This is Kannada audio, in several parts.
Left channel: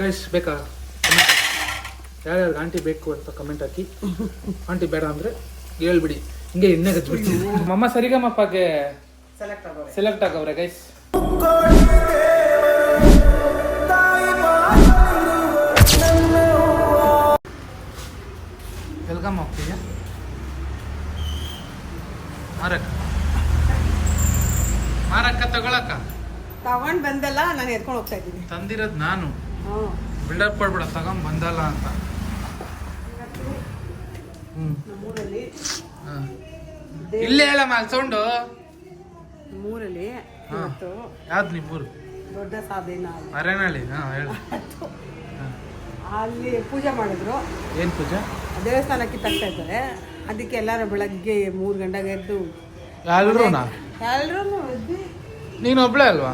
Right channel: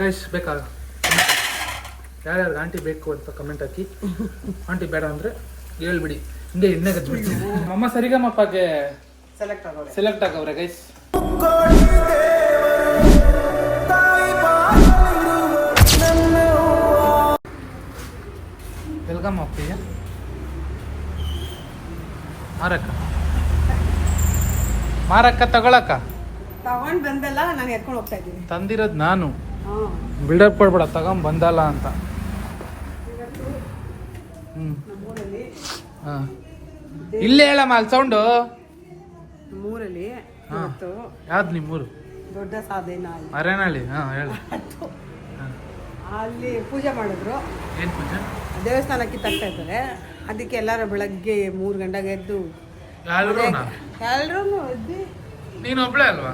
ಗೈಸ್ ಬೇಕಾ ಕಮೆಂಟ್ ಯಾರ್ಯಾರು ಆಂಟಿ ಬೇಕು ಅಂತ ಕಮೆಂಟ್ ಹಾಕಿ. ಆಂಟಿ ಬೇಡ ಅಂದರೆ ಹೇಳ್ಬಿಡಿ, ಹಿಂಗೆ ಎಣ್ಣೆ ಗಜ್ಬಿಡ್ತೀವಿ. ಅಮ್ಮ ಸರಿಗಮ್ಮಪ್ಪಗೆ ಸೆಲೆಕ್ಟ್ ಆಗವ್ರೆ ಗೈಸ್. ವೆಲ್ಕಮ್ ಅಪ್ಪಿಗೆ ಮಾರಕ್ಕ ತಗೊಳಕ್ಕ ತಗೊಂಡ್ ಬಂದಲ್ಲ, ನಾನು ಎತ್ಕೊಂಡು ಹೋಗ್ತಾ ಇದ್ದೀನಿ. ತಂದಿರೋದು ನಾನು, ಬಿಲ್ಡಪ್ ಕೊಡ್ಬೇಡ, ತಗೊಂಡ್ ಬಂದಲ್ಲ ಅಂತ. ನಮ್ಮೂರಲ್ಲಿ ಇಲ್ಲೇ ಹೇಳಮ್ಮ ಅಲ್ಲಿ ಸೌಂಡು. ನಮ್ಮೂರಲ್ಲಿ ಇವತ್ತು ಯಾವ್ದು ನಿಮ್ಮೂರು? ದೊಡ್ಡ ಸಾಧನ ಅರೇನಹಳ್ಳಿ. ಹೇಳು. ಅಲ್ಲಿ ಪೂಜೆ ಮಾಡಿದ್ರು. ಏನ್ ಪೂಜೆ? ದೇವಸ್ಥಾನ ಕಿತ್ತಾಕ್ತಾ ಇದ್ದಾರೆ. ಅದಕ್ಕೆ ಎಲ್ಲರೂ ಬೆಳಗ್ಗೆ 3 ಗಂಟೆಗೆ ಎದ್ದು ಎಲ್ರೂ ಎದ್ದು. ನೀನು ಒಬ್ಳೆ ಅಲ್ವಾ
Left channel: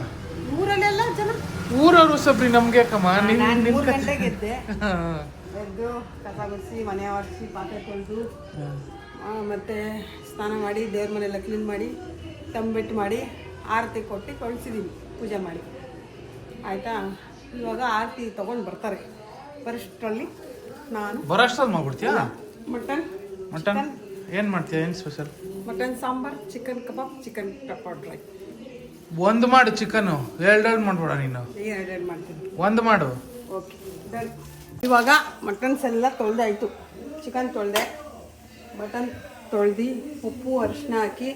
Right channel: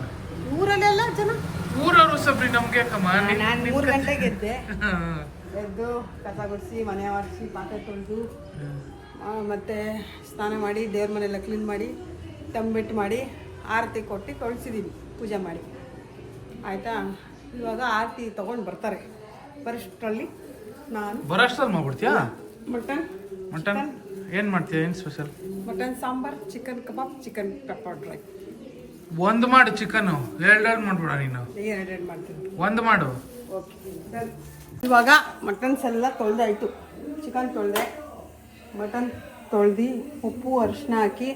ಊರಲ್ಲೆಲ್ಲ ಜನ? ಊರವ್ರು ಸಬ್ರಿ ನಮ್ಗೆ ಯಾಕಮ್ಮ. ನಾನು 3 ಗಂಟೆಗೆ ಎದ್ದೆ. ಎದ್ದು ಕಸ ಗುಡಿಸಿ, ಮನೆ ಒರೆಸಿ, ಪಾತ್ರೆ ತೊಳೆದು, ಮತ್ತು ಸ್ನಾನ ಮಾಡಿ, ದೇವ್ರ ಮನೆಯೆಲ್ಲ ಕ್ಲೀನ್ ಮಾಡಿ, ತಂಬಿಟ್ಟು ಮಾಡಿ, ಆರತಿ ಕೊಟ್ಟು ಕಳಿಸಿದ್ದೀವಿ ಪೂಜೆ ಮಾಡಿ. ಆಯಿತಾ? ಇವಾಗ ಆರತಿ ತೊಗೊಂಡು ಬರ್ತಾರೆ. ಬರೋಷ್ಟರಲ್ಲಿ ನಾನು ಬರೋಷ್ಟರಲ್ಲಿ ಮಾಡ್ಬಿಡ್ತೀಯಾ? ಮಟನ್ ಏನು ಮಾಡ್ತೀಯ? ಏನು ಸ್ಪೆಷಲ್? ಮಟನ್ ಸಾಂಬಾರ್, ಚಿಕನ್ ಕಬಾಬ್, ಚಿಕನ್ ಪೆಪ್ಪರ್ ಡ್ರೈ. ಒಂದು ಮಾಡು ಚಿಕನ್ನು, ಎರಡು ಮಾಡ್ಬೇಡ ನೀನು. ಎರಡು ಮಾಡ್ತೀನಿ. ಒಂದು ಮಾಡು. Okay done. ಇವಾಗ ಮಟನ್ಸ್ ಎಲ್ಲ ತೊಳೆದಾಯಿತು. ಚಿಕನ್ ತೊಳೆದೆ, ಮಟನ್ ತೊಳೆದು, ಉಪ್ಪು ಅರಿಶಿನ ಹಾಕಿ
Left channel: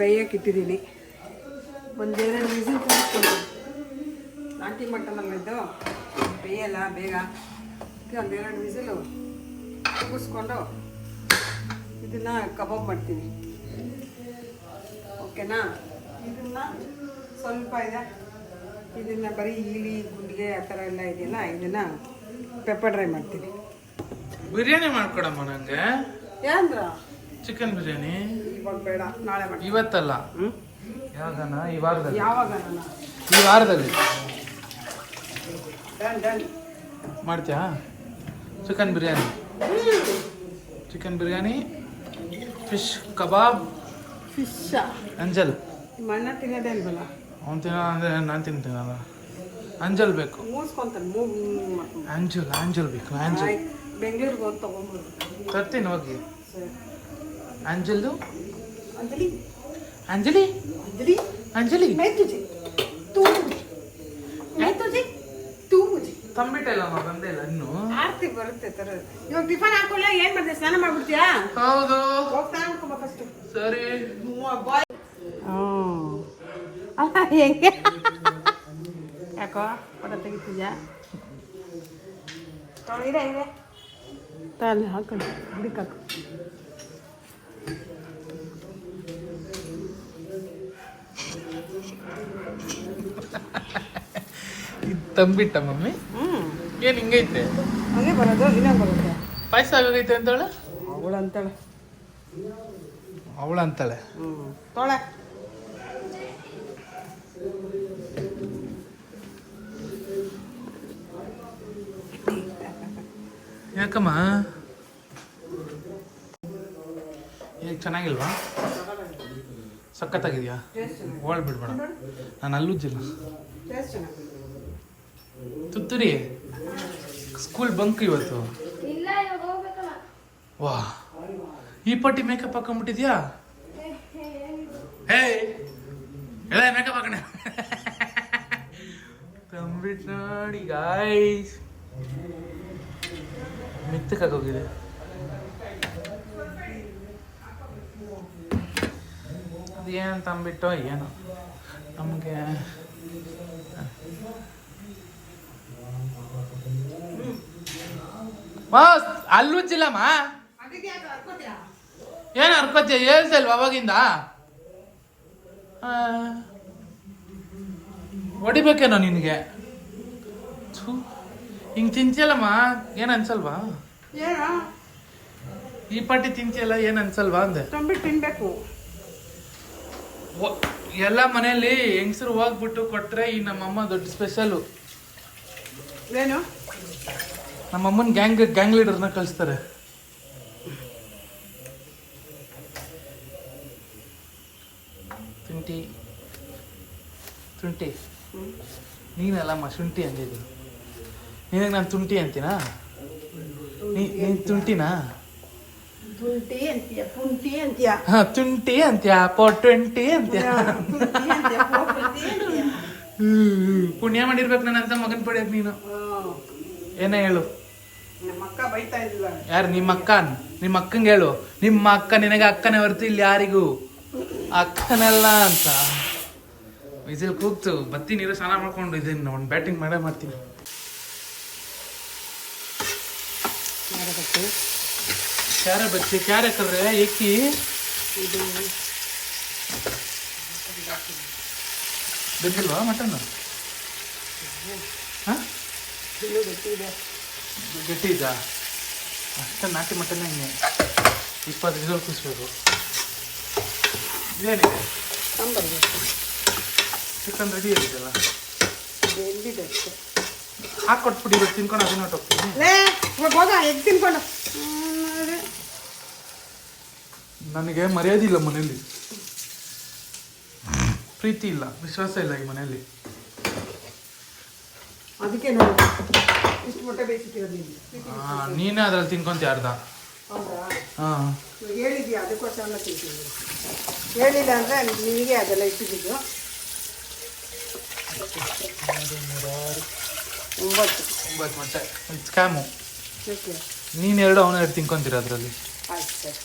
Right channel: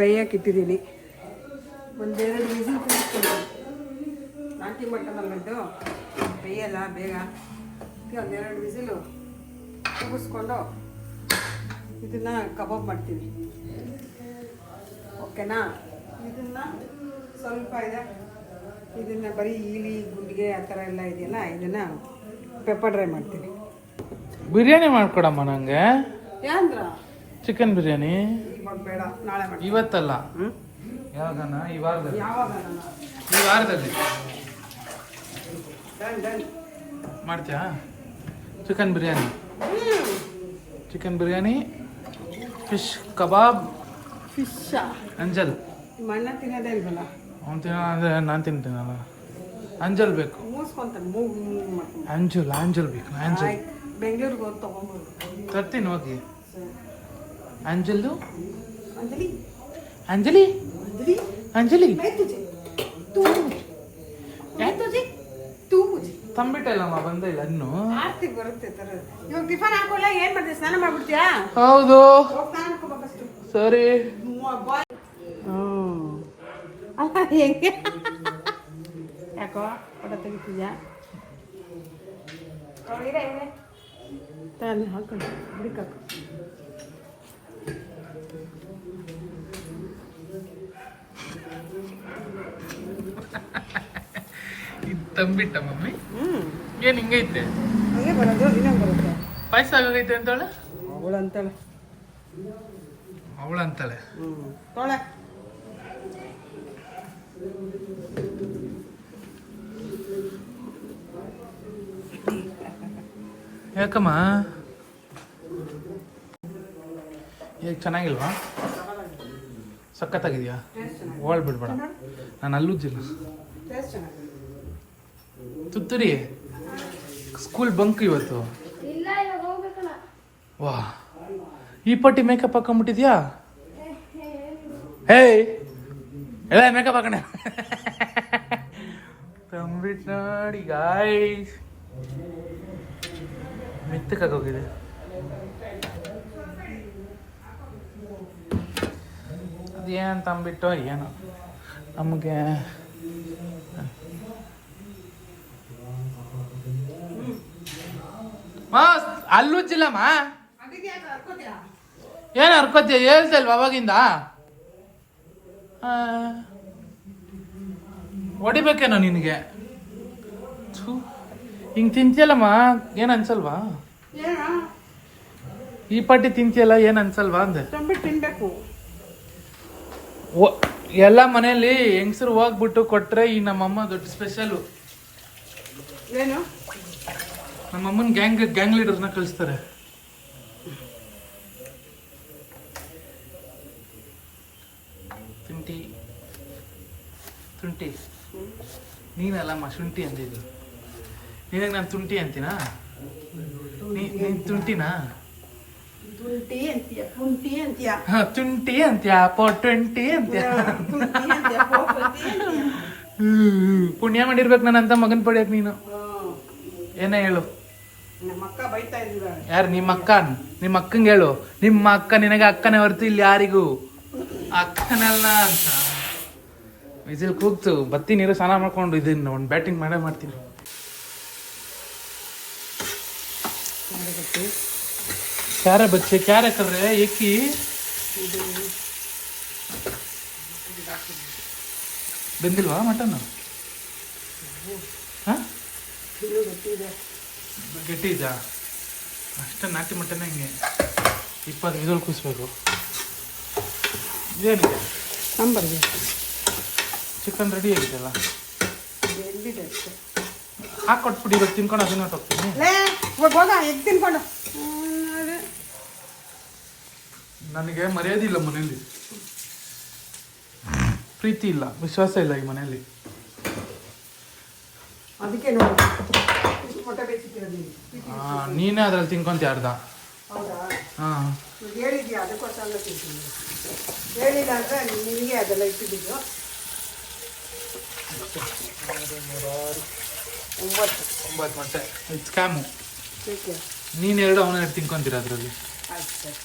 ಬೇಯಕ್ಕೆ ಇಟ್ಟಿದ್ದೀನಿ. 1-2 ವಿಸಿಲ್ ಕೂಗಿಸ್ಕೊಳ್ತೀನಿ. ನಾಟಿ ಮಟನಲ್ಲಿದ್ದು ಬೇಯಲ್ಲ ಬೇಗ. 1-2 ವಿಸಿಲು ಕೂಗಿಸ್ಕೊಂಡು ಇದನ್ನು ಕಬಾಬ್ ಮಾಡ್ತೀನಿ. ಓಕೆನಾ? ಇದನ್ನು ಸ್ವಲ್ಪ ಇದೆ, ಇದನ್ನು ಬರೀ ಈಲಿ ಗುಂಡಿಗೆ ಆ ಥರ ಎಲ್ಲ ಇದೆಯಲ್ಲ, ಇದನ್ನು ಪೆಪ್ಪರ್ ಡ್ರೈ ಮಾಡ್ತೀನಿ. ಬಿರಿಯಾನಿ ಮಾಡ್ಕೊಡಮ್ಮ ನನಗೆ. ಯಾಂದ್ರ ಚಿಕನ್ ಬಿರಿಯಾನಿ ಇವಾಗ ಬೇಡ, ನಾಳೆ ಮಾಡಿ. ಇವತ್ತಲ್ಲ, ಯಾವಾಗನ? ಈ ವಾರದಲ್ಲಿ. ಯಾವಾಗ? ಈ ವಾರದಲ್ಲಿ ಡನ್ ಡನ್. ಮಾಡ್ತೀಯಾ chicken biryani? Chicken biryani, fish kebab. ಫಿಶ್ಶಾ? ಅಂಜಲ್. ಮಣ್ಣ ತಿನ್ನೋದೇ ಇಲ್ವಲ್ಲ ಅವ್ನು ತಿನ್ನೋ ಅಂದರೆ ನಾನು ತಿಂತೀನಲ್ಲ. ಅಂಜಲ್ ಬೇಕು. ಮೂಸ್ಕೊಂತಾನೆ, ಮೂಗು ಮಾಡ್ಕೊಂಡು. ಅಂಜಲ್ ಬೇಕು. ಅಂಜಲ್ ಬೆಂಗಳೂರಿಗೆ ಹೋಗಿ ತೊಗೊಂಡ್ಬರ್ದು. ತರ್ತೀನಿ ಹೋಗಿ. ಅಂಜಲ್ದು. ಅಂಜಲಿ ಅಂಜಲಿ अंजलि अंजलि मैं तुझे तू मुझे मैं तुझे तू मुझे ತಂಬಿಟ್ಟಲ್ಲಮ್ಮ ಬಂದೇ ಇಲ್ಲ ಇನ್ನು. ಆರ್ತಿ ಬರುತ್ತೆ ತರ. ಇವಾಗ ಟಿಫನ್ ಹಾಕೋಲ್ಲ, ಏನ್ ಮಾಡ್ತೀಯ? ಸ್ನಾನ ಮಾಡ್ಬಿಡ್ತೀಯಾ? ಹೌದು. ಹೋಗಿ ಸ್ನಾನ ಮಾಡ್ಕೋ ಫಸ್ಟ್. ಸರಿ. ಬಾಯ್. ಅಲ್ಲ ಹೆಂಗೆ ಯಾಕೋ ಫೋಟೋ ತೆಗಿತಿದ್ಯಾ? ತಾನೆ ಹಾಕೊಂಡು ಹುಡುಕಾಕು. ತಂಬಿಟ್ಟ ಮಮ್ಮಿ? ಏನ್ ಹಿಂಗೈತೆ? ಹಂಗೆ ಬರೋದು, ದಿನ ಬರುತ್ತೆ. ಪಾಯಸ ಆಗೈತೆ ಅಂತಾಳೆ ಅವಳಂತಾಳೆ. ಅವಳಂತಾಳೆ. ತೊಳೆ. ಯಾಕಮ್ಮ ಈಗ ಚೆನ್ನಾಗಿಲ್ವಾ? ಸಖತ್ತಾಗಿದ್ಯಾ? ಓಳ್ ಬಿಡ್ಬೇಡ, ನಾನು ಅಲ್ಲುಜ್ಜಿಲ್ಲ. ತುತ್ತೂರಿ ಸ್ಕೂಲ್ ಬಂಕ್ ಇವತ್ತು. ವಾ, ಈ ಪಟ್ಟಿ ಮೇಕಪ್ ಹಾಕೊಂಡ್ಬಿಟ್ಟಿದ್ಯಾ? ಹೇಯ್ ಎಲ್ಲ ಮೇಕಪ್ ಹಾಕೊಂಡೆ. ತಂಬಿಟ್ಟು ನೋಡಿ ಗಾಯ್ಸ್, ಮೆತ್ತಕ್ಕಾಗೋಗಿದೆ. ಅದೇನು ತಂಬಿಟ್ಟು ಏನೋ ನಮಗೆ. ಅಲ್ಲುಜ್ಜಿಲ್ಲಮ್ಮ. ಏನು ಹರ್ಕೋತೀಯ? ಹೇಳ್ತಲ್ವ ಅವಾಗಿಂದ? ಹೊಡಿಬೇಕೇನೋ ನಿನಗೆ? ಹಿಂಗೆ ತಿಂತಿಯಲ್ಲಮ್ಮ, ಏನು ಅನ್ಸಲ್ವಾ? ಈ ಪಾಟಿ ತಿಂತಿಯಲ್ಲ, ಏನು ಅನ್ಸಲ್ವಾ ಅಂದೆ. ತಂಬಿಟ್ಟು ತಿನ್ಬೇಕು. ಎಲ್ಲ ಮನೆಯಲ್ಲಿ ಹೆಂಗಸರು ಹೋಗ್ಬಿಟ್ಟು ಕೊಟ್ರೆ ಈ ನಮ್ಮಮ್ಮ ದೊಡ್ಡ ಸ್ಪೆಷಲು. ಏನು? ನಮ್ಮಮ್ಮನ ಗ್ಯಾಂಗ್ ಲೀಡರ್ನ ಕಳಿಸ್ತಾರೆ. ಶುಂಠಿ ನೀನಲ್ಲಮ್ಮ ಶುಂಠಿ ಅಂದಿದ್ದು. ನಿನಗೆ ನಾನು ತುಂಟಿ ಅಂತೀನಾ? ನೀನು ತುಂಟಿನಾ? ತುಂಟಿ ಅಂತೀಯ, ಪುಂಟಿ ಅಂತೀಯ, ತುಂಟಿ ಅಂತ್ಯಾ, ಪೊಟ್ವೆಂಟಿ ಅಂತ್ಯಾ. ತುಂಟಿ ಅಂತೀಯ, ಪೋಪಂಟಿ ಅಂತೀಯ. ಪುಣ್ಯ ಮಾಡಿರ್ಬೇಕು ನನ್ನಂತ ಮಗನ್ ಪಡ್ಯಾಕ ನೀನು. ಏನೇ ಹೇಳು. ನಮ್ಮ ಅಕ್ಕ ಬೈತಾ ಇದ್ದಿಲ್ಲ. ಯಾರು? ನಿಮ್ಮ ಅಕ್ಕಂಗೆ ಹೇಳು. ನಿಮ್ಮ ಅಕ್ಕ ನಿನಗೆ ಅಕ್ಕನೇ ಹೊರತು ಇಲ್ಲಿ ಯಾರಿಗೂ ಅಕ್ಕನಲ್ಲ ಅಂತ. ವಿಸಿಲ್ ಕೂಗ್ತು ಬತ್ತಿ ನೀರು ಸ್ನಾನ ಮಾಡ್ಕೊಂಡು ಇದನ್ನು ಒಂದು ಬ್ಯಾಟಿಂಗ್ ಮಾಡೇ ಮಾಡ್ತೀನಿ. ಕ್ಯಾರೆ ಬಚ್ಚಿ ಕ್ಯಾರೆ ಕರ್ರೆ ಏಕಿ ಬೆಂದಿಲ್ವಾ ಮಟನ್? ಹಾಂ, ಗಟ್ಟಿ ಇದಾ? ಅಷ್ಟೇ ನಾಟಿ ಮಟನ್ ಹಿಂಗೆ 20 ವಿಸಲ್ ಕೂರಿಸ್ಬೇಕು. ಇದೇನಿದೆ? ಚಿಕನ್ ರೆಡಿ ಆಗಿದೆಯಲ್ಲ, ಹಾಕೊಟ್ಬಿಡಿ. ಇವಾಗ ತಿನ್ಕೊಂಡು ಅದನ್ನ ಹೋಗ್ತೀನಿ. ಎಗ್ ತಿನ್ಕೊಂಡು ನನಗೆ ಮರ್ಯಾದಿಲ್ಲ ಮನೇಲಿ, ಪ್ರೀತಿ ಇಲ್ಲ, ವಿಶ್ವಾಸ ಇಲ್ಲ ಈ ಮನೆಯಲ್ಲಿ. ಅದಕ್ಕೆ ನೋಡಿ ಇಷ್ಟು ಮೊಟ್ಟೆ ಬೇಯಿಸಿರೋದು. ನೀನೇ ಅದ್ರಲ್ಲಿ ತಿನ್ಕೊಂತ ಅರ್ಧ. ಹಾಂ, ಹೇಳಿದ್ಯಾ? ಅದಕ್ಕೋಸ್ಕರ ತಿಂತೀನಿ. ಹೇಳಿಲ್ಲ ಅಂದರೆ ನಿನಗೆ ಅದೆಲ್ಲ ಇಟ್ಟಿದ್ದು. 9 ಮೊಟ್ಟೆ ಸ್ಕ್ಯಾಮು. ಓಕೆ, ನೀನು 2 ಅವನು 2 ತಿನ್ಕೊಂತೀರ ಅದರಲ್ಲಿ. ಆಯ್ತು ಸರ್,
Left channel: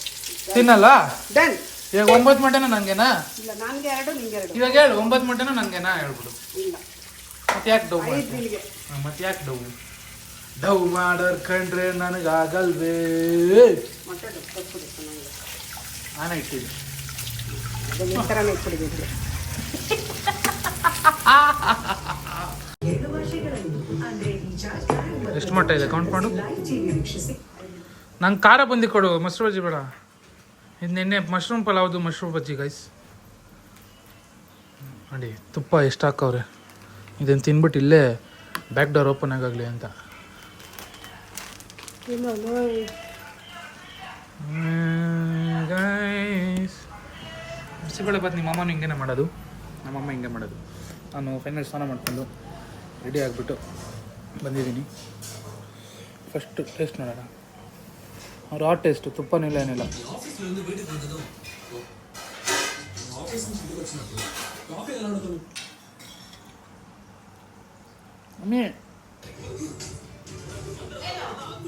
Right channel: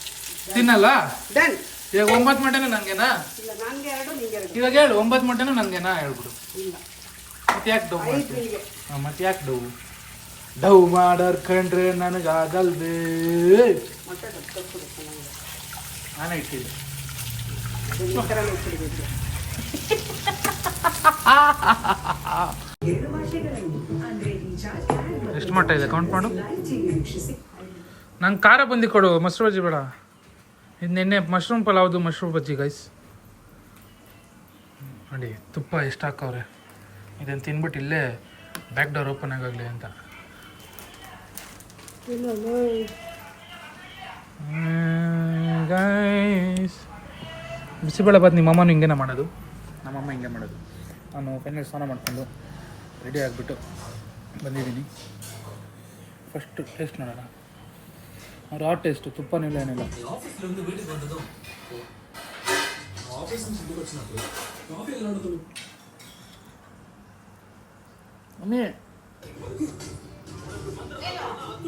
ತಿನ್ನಲ್ಲ? ಡನ್. ಇವಾಗ 9 ಮೊಟ್ಟೆನೂ ನನಗೆನಾ? ಇಲ್ಲ, ನನಗೆ 2, ನಿಂಗೆ 2. ಇವಾಗ ಹೇಳು, 9 ಮೊಟ್ಟೆನೂ ನನಗೆನಾ ಹೇಳ್ಬಿಡು. ಇಲ್ಲ, ಮತ್ತೆ ಯಾಕೆ ಡವ್ 5 ಮಾಡ್ತೀನಿ? ನಿನಗೆ. ಮತ್ತೆ ಯಾಕೆ ಡವ್ ಮಾಡರ್ ಕಂಡ್ರೆ ನನಗಾಗಲ್ವೇ? ಮೊಟ್ಟೆ ಕಟ್ಬಿಡಿ ಚೆನ್ನಾಗಿದೆ. ನಾನೇ ಇಟ್ಟಿದ್ದೆ. ಈ ಥರನೇ ಇಟ್ಬಿಡಿದ್ವಿ. ಎಷ್ಟು ಮೊಟ್ಟೆ ಇದೆ ಕೌಂಟ್ ಮಾಡು. ನಂಗೆ ಖಾರ ಬಂದು ಕೊಡು, ಮೊಸರು ಬಜ್ಜಿ ಬೇಡ. ಇದು ನಿನ್ನೆ ಮಶ್ರೂಮ್ ಪಲಾವ್ದು ಮಶ್ರೂಮ್ ಬಜ್ಜಿ ಗೈಸ್. ನೋಡಿ ತುಪ್ಪ ಎಷ್ಟು ಹಾಕವ್ರೆ. ಇದನ್ನು ತಿನ್ಬಿಟ್ಟು ಇಲ್ಲೇ ಬ್ಯಾಕ್ ಡೋರ್ ಓಪನ್ ಆಗಾಗಲಿ ಅಂತ. ಗೈಸ್, ಬಿಸಿಬೇಳೆ ಬಾತ್ ನಿಮ್ಮಮ್ಮನೂ ಹಿಂಗೇನೆ ಮಾಡೋದು, ನಮ್ಮಮ್ಮ ಹಿಂಗೆ ಮಾಡೋದು. ನಾನು ಫೈನಲ್ ಸ್ನಾನ ಮಾಡ್ಕೊಂಡು ರೆಡಿ ಆಗಿಬಿಟ್ಟು ಬಂದಿದ್ದೀನಿ. ಫಸ್ಟ್ ಟೇಸ್ಟ್ ನೋಡೋಣ. ರಾ ಟೇಸ್ಟು, ತುಪ್ಪನೂ ಇಲ್ಲ ಏನಿಲ್ಲ. ಮಮ್ಮಿ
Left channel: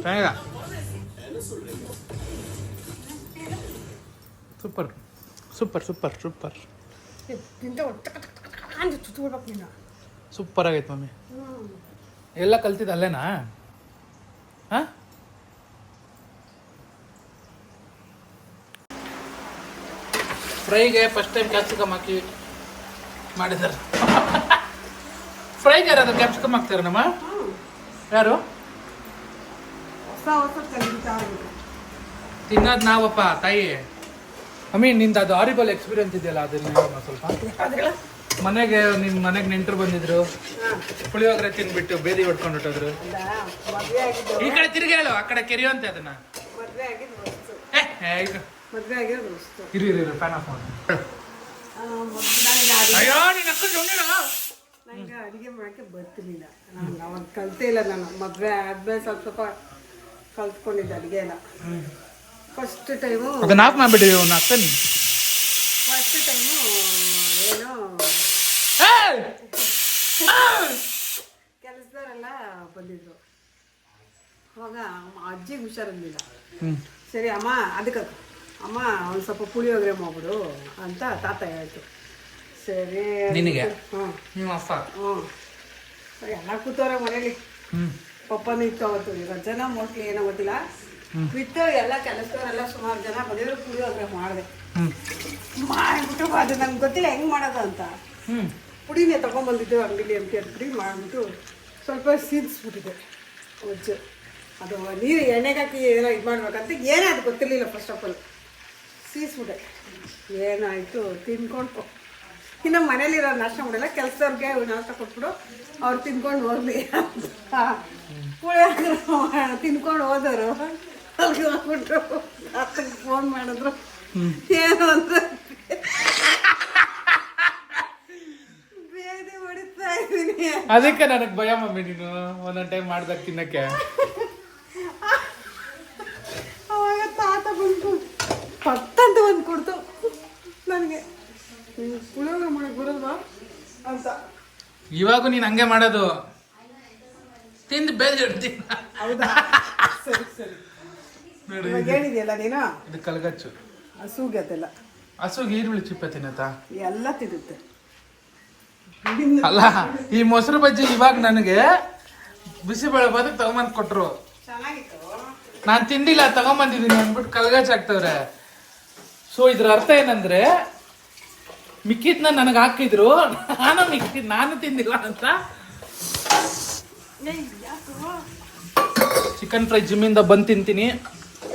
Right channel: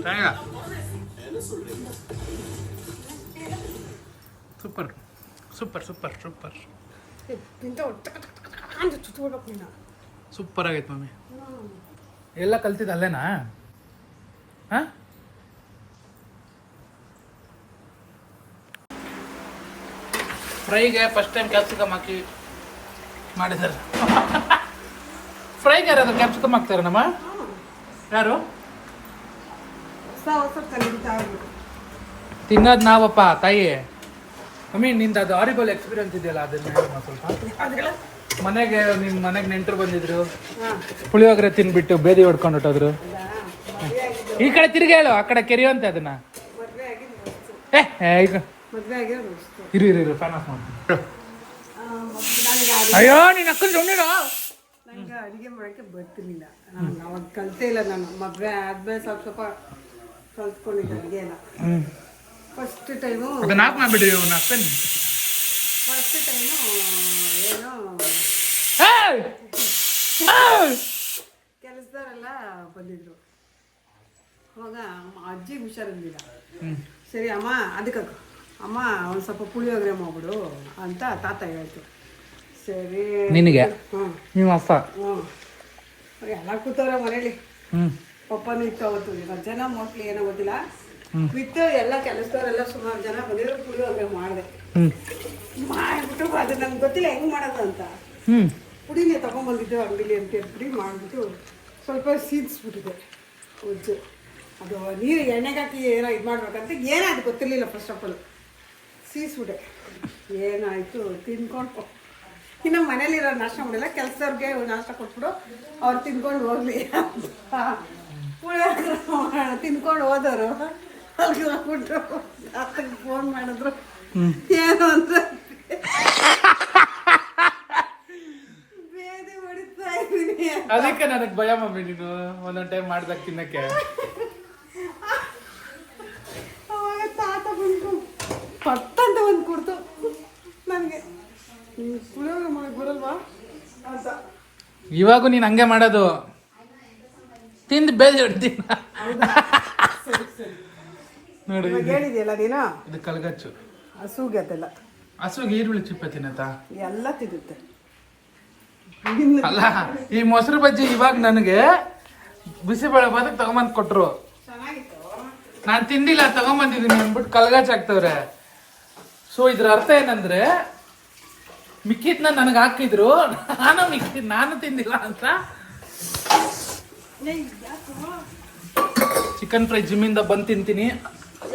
ಚೆನ್ನಾಗ, super super super super super ಆಗೈತೆ ಮಮ್ಮಿ. ಎಲ್ಲ ಕಲ್ತಿದ್ದು ಅಲ್ಲೇನಾ? ಹಾಂ, ಫ್ರೈಗೆ ಫಸ್ಟ್ ಟೈಮ್ ಕ್ಯಾಪ್ಸಿಕಮ್ ಹಾಕಿ ಮಾಡಿದ್ದಾರೆ. ಫ್ರೈಗೆ ಯಾರಾದ್ರು ಕ್ಯಾಪ್ಸಿಕಮ್ ಹಾಕ್ತಾರೆ ನಮ್ಮ? ಯಾರು ತಿನ್ನೋದು? ನಾವಪ್ಪ ತಾಯಿ. ಮಮ್ಮಿ ನಿಂದು ಅದು ಹಾರಿಬಲ್ ಎಕ್ಸ್ಪೀರಿಯನ್ಸ್ ಇದೆಯಲ್ಲ, ಅದನ್ನ ಸ್ವಲ್ಪ ಮನೆಗೆ ನಿಮ್ಮ ಮನೆಗೆ ನೆಂಟರು ಬಂದಿದ್ರು, ಪುಳಿಯೋಗರೆ ತಿನ್ಬಿಟ್ಟು ಬೇದಿ ಹೊಡ್ಕೊಂಡು ಹೊಟ್ಟೋದ್ರು. ಈ ಕಡೆ ತಿರುಗಿ ಹೇಳು, ಆ ಕಡೆ ಕೆರೆಯುವಂತೆ ಅದನ್ನ. ಈಗ ಇರು ಇರು ಇರು, ಫ್ಯಾನ್ ಆಫ್ ಮಾಡ್ತೀನಿ. ಅಯ್ಯೋ ನೀನು ಅಕ್ಕನ ಜೊನ್ನಿಡು. ನನಗೆ ಅಡುಗೆ ಮಾಡೋಕ್ಕೆ ಬರ್ತಿರ್ಲಿಲ್ಲ. ನಾನು ಅವಾಗ ಕಲಿತೇ ಇಲ್ಲ. ನಾನು ಮದುವೆ ಆದ್ಮೇಲೆ ಸ್ವಲ್ಪ ಸ್ವಲ್ಪ ಕಲ್ತ್ಕೊಂಡಿದ್ದೆ ಅಡುಗೆ ಎಲ್ಲ. ಫಸ್ಟ್ ಟೈಮು ಅದನ್ನ ಆಫ್ ಮಾಡಿಬಿಡಿ. ಅವ್ನು ಅಕ್ಕನ ಫಸ್ಟ್ ಟೈಮು ಏನೋ ಕೆಲಸದವರೆಲ್ಲ ಬಂದಿದ್ರು. ಅವಾಗ ಅಜ್ಜಿಗೆ ಹುಷಾರಿರ್ಲಿಲ್ಲ. ಸರಿ ಅಮ್ಮ, ಅದಕ್ಕೆ ಅಮ್ಮ ಒಂದು ಸ್ವಲ್ಪ ಪುಳಿಯೋಗರೆ ಮಾಡ್ಬಿಡು ಅಂತ ತಾತ ಹೇಳ್ತು. ಸರಿ ನಿನಗೆ? ಹ್ಞೂ, ನೀವು ಅಪ್ಪ? ಹ್ಞೂ, ಎಲ್ಲ ಕೂತವ್ರ ಮನೇಲಿ. ಪಪ್ಪನೂ ಇತ್ತು ಅವತ್ತು. ರಜನ ಮೋಸ್ಟ್ಲಿ ಏನೋ ಗೊತ್ತಿಲ್ಲ. ಬಿತ್ತು ಎಲ್ಲ ಕೆಲಸದವರೆಲ್ಲ ಸುಮಾರು ಜನ ಬಂದಿದ್ರು. ಪುಳಿಯೋಗರೆ ಮಾಡಿದೆ. ಮಾಡಿಬಿಟ್ಟು ಅದು ನಂಗೆ ಗೊತ್ತಿಲ್ಲ ಹೆಂಗೆ ಮಾಡೋದು ಅಂತ. ಪುಡಿನೇ ತೊಗೊಂಬಂದಿದ್ದು ಅಂಗಡಿಲಿ ಅಂತ ಪುಡಿ ಮಾಡಿಬಿಟ್ಟು ಸ್ವಲ್ಪ ಸೀದಿಸ್ಬಿಟ್ಟಿದೆ ಒಜ್ಜು. ಅದು ನೀರು ಎಣ್ಣೆಗೆ ಹಾಕಿ ಏನೋ ಇದು ಮಾಡ್ಬೇಕಂತ ಏನೋ ಅದು ಗೊತ್ತಿರಲಿಲ್ಲ. ಫಸ್ಟ್ ಆಫ್ ಆಲ್ ಸೀಸ್ಬಿಟ್ಟೆ. ಏನಾಯಿತು ತಿನ್ಕೊಂಡು ಇನ್ನು ಮನೇಲಿರೋ ನಾಷ್ಟ ಮಾಡಿಲ್ಲ. ಕೆಲಸದವ್ರಿಗೆ ನಾಷ್ಟ ಕೊಟ್ಬಿಡು, ಅವ್ರು ತಿನ್ಕೊಂಡು ಹೋಗ್ಲಿ ಅಂತ ತಿನ್ಕೊಂಡು ಹೋದವರು. ಅಲ್ಲಿಗೆ ಹೋಗ್ಬಿಟ್ರು. ತಾತಗೆ ಫೋನ್ ಮಾಡಿದ್ರು. ಏನು ಅಂದ್ರೆ ಬೇದಿ ಹೊಡಿತಾ ತಿಂತಾ ಇದ್ದೀನಿ. ಅದಕ್ಕೆ ನನಗೆ ಭಯ ಮಮ್ಮಿ ನೀನು ಒಂದೊಂದು ಟೈಮ್ ಮಾಡ್ದಾಗ ತಿನ್ನಕ್ಕೆ. ಅವಾಗ ತಾತ ಬಂದು ಪಟ್ಟಂತ ಒಂದು ಕೊಡ್ತು ನನಗೆ, ಪುಳಿಯೋಗರೆ ಮಾಡಕ್ ಬರಲ್ವಾ ಅಂತ. ಇವಾಗೂ ನೀನು ಹಂಗೆ ಮಾಡೋದು, ತಿಂದು ಬೇರೆ ಇಡ್ತೀನಿ. ಹೌದಾ? ಸರಿ ಸರಿ. ನೋಡಿ ಇವಾಗ ಹೇಳಿದ್ಯಲ್ಲ ನೀನು, ಇದು ಕಲ್ಗಚ್ಚು. ಹಸುಗೆ ಅದೆಲ್ಲ, ಹಸುಗೆ ಈರುಳ್ಳಿ ಚಿಪ್ಪೆ ತಿನ್ನತ್ತಾ? ಎಲ್ಲ ತಿನ್ನುತ್ತೆ. ಅಲ್ಲ, ಈ ಮೊಸರು ಬಜ್ಜಿ ಇವಾಗ ನನಗೆ ಬಿಸಿಬೇಳೆ ಬಾದಕ್ಕೆ ತಗೊಂಬಂದು ಕೊಟ್ರು. ಚೆನ್ನಾಗಿತ್ತು. ನಾನು ತಿಂದಿಲ್ಲ, ತಗೊಂಬಂದಿದ್ದೀನಿ ಅಂದ್ಬಿಟ್ಟು ಕಲ್ಗಚ್ಚ ಹಾಕ್ತವ್ರೆ. ಸೊ ಇದ್ರ ಅರ್ಥ ಏನಂದ್ರೆ ಮಿಕ್ಕಿದ್ನ ನನಗೆ ಹಾಕಿದ್ರು, ನಾನು ತಿಂದಿಲ್ಲ ಅಂತ. ಚಿಕನ್ ಫ್ರೈ ಜಿಮ್ಮಿಂದ ಬಂದು ತಿಂತೀನಿ.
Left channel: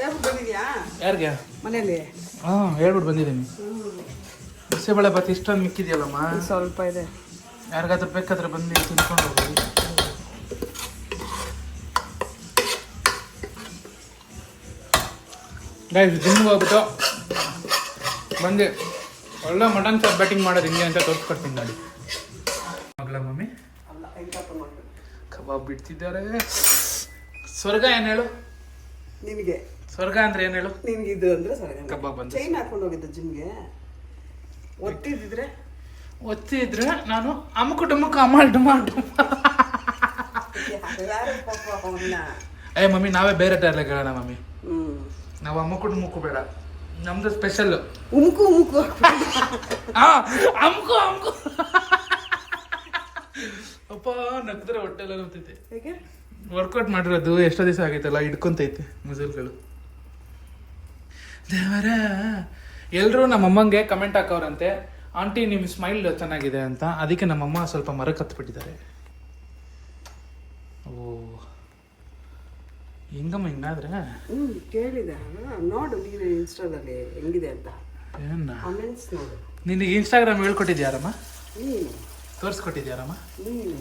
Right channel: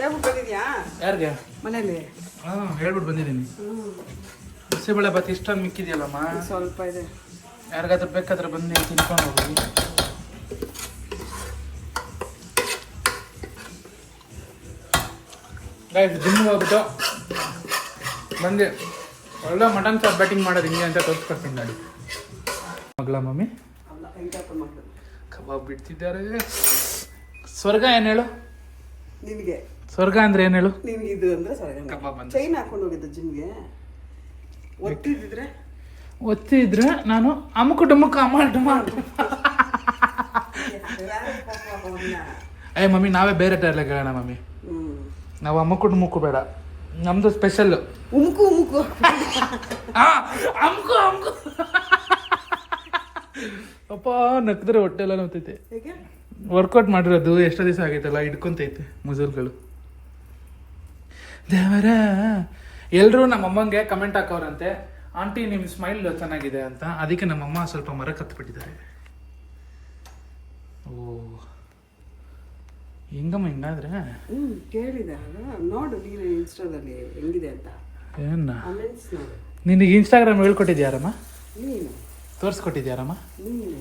ಯಾವಾಗ ಬಂದಿದ್ಯಾ? ಯಾರಿಗೆ? ಮನೇಲಿ. ಹೇಳ್ಬಿಟ್ಟು ಬಂದಿದ್ದೀನಿ. ಬಿಸಿಬೇಳೆ ಬಾತ್ ಇಷ್ಟೊಂದು ಮಿಕ್ಕಿದೆಯಲ್ಲಮ್ಮ, ಸ್ವಲ್ಪ ಇದೆ. ಯಾರಿಗಾದ್ರೂ ಬೇಕಾದ್ರೆ ಬಂದು ತಿನ್ಕೊಂಡು ಹೋಗಿ. ಜಿಮ್ಗೆ ಹೋಗ್ಬಿಟ್ಟು ಬಂದೆ, ಒಳ್ಳೆ ಮಟನ್ ಸಾರ್ ಬ್ಯಾಟಿಂಗ್ ಮಾಡೋದು ಹಿಂಗೆ ಅಂತ ತೋರಿಸ್ಕೊಡ್ತೀನಿ ಗಾಡಿ. ಮಗಳ ಮಮ್ಮಿ ಅಲ್ಲ, ಹೆಂಗಾತ ಮಗಳು ಕಬಾಬ್ ಬಿಡ್ತಿದ್ದಾರೆ. ಸ್ವರ್ಗ ಏನು ಹೇಳು? ನಿನಗೆ ಸ್ವರ್ಗ ಅಂದ್ರೆ ಏನು ಹೇಳು? ನಿನ್ಗೆ ಇದು ಅಂದ್ರೆ ಸರಿ. ಕಬಾಬ್ ಅಂತ ಚೈನ್ ಹಾಕೊಂಡು ಹೋಗಿದ್ದ ಜಿಮ್ಗೆ, ಒತ್ತಿದ್ರೆ ನಾನು ಅಮುಕು ಡುಮುಕು ಅಮ್ಮ ಡುಮಾಲ್. ಮಮ್ಮಿ ನಾವೇ ಬೇರೆ ಟೈರ್ಲೆ ಹೇಳೋಣ ಮಮ್ಮಿ. ನಾವು ಅಮುಕು ಡುಮುಕು ಬೇಡ, ನಮ್ದು ಸ್ಪೆಷಲ್ ಉಮ್ಕು ಉಮ್ಕು. ಅಮ್ಕು ಅಮ್ಕು. ಅಪ್ಪ ನಕ್ಕಿದ್ರೆ ಹೊಟ್ಟೆ ಎಲ್ಲ ನೋತೈತೆ. ವರ್ಕೌಟ್ ಮಾಡಿರೋದು ಎಷ್ಟೋ ದಿವಸ ಆಗೈತಲ್ಲ, ಹಿಡ್ಕೊಂತೈತೆ ಮಸಲ್ಗಳು. ದೇವರ ಎಲ್ಲರೂ ನಮ್ಮಮ್ಮಂಗೆ ಕಮೆಂಟ್ ಹಾಕವ್ರಂತೆ, ಆಂಟಿ ನಿಮ್ಮ ಸ್ಮೈಲ್ ಚೆನ್ನಾಗಿದೆ ಅಂತ. ಅದಕ್ಕೆ ನಮ್ಮಮ್ಮ ಸ್ವಲ್ಪ ಮರಕ್ಕೆ ಹತ್ಬಿಟ್ಟಿದ್ದಾರೆ. ಓ ಹೆಂಗಮ್ಮ ಹಿಂಗಾದ್ರೆ? ಕೇಳಿದೆ, ನೋಡು ನೀನು ಇನ್ಸ್ಟಾದಲ್ಲಿ ಹೆಂಗಿದೆ ಅಂತ. ಏನ ನೋಡು. ನಿನಗೆ ಇನ್ಸ್ಟಾಗ್ರಾಮ್ ಹೇಳ್ಕೊಟ್ಟಿದ್ಯಾರಮ್ಮ? ನೀನು ತೋರಿಸ್ಕೊಟ್ಟಿದ್ಯಾರಮ್ಮ? ನೀನು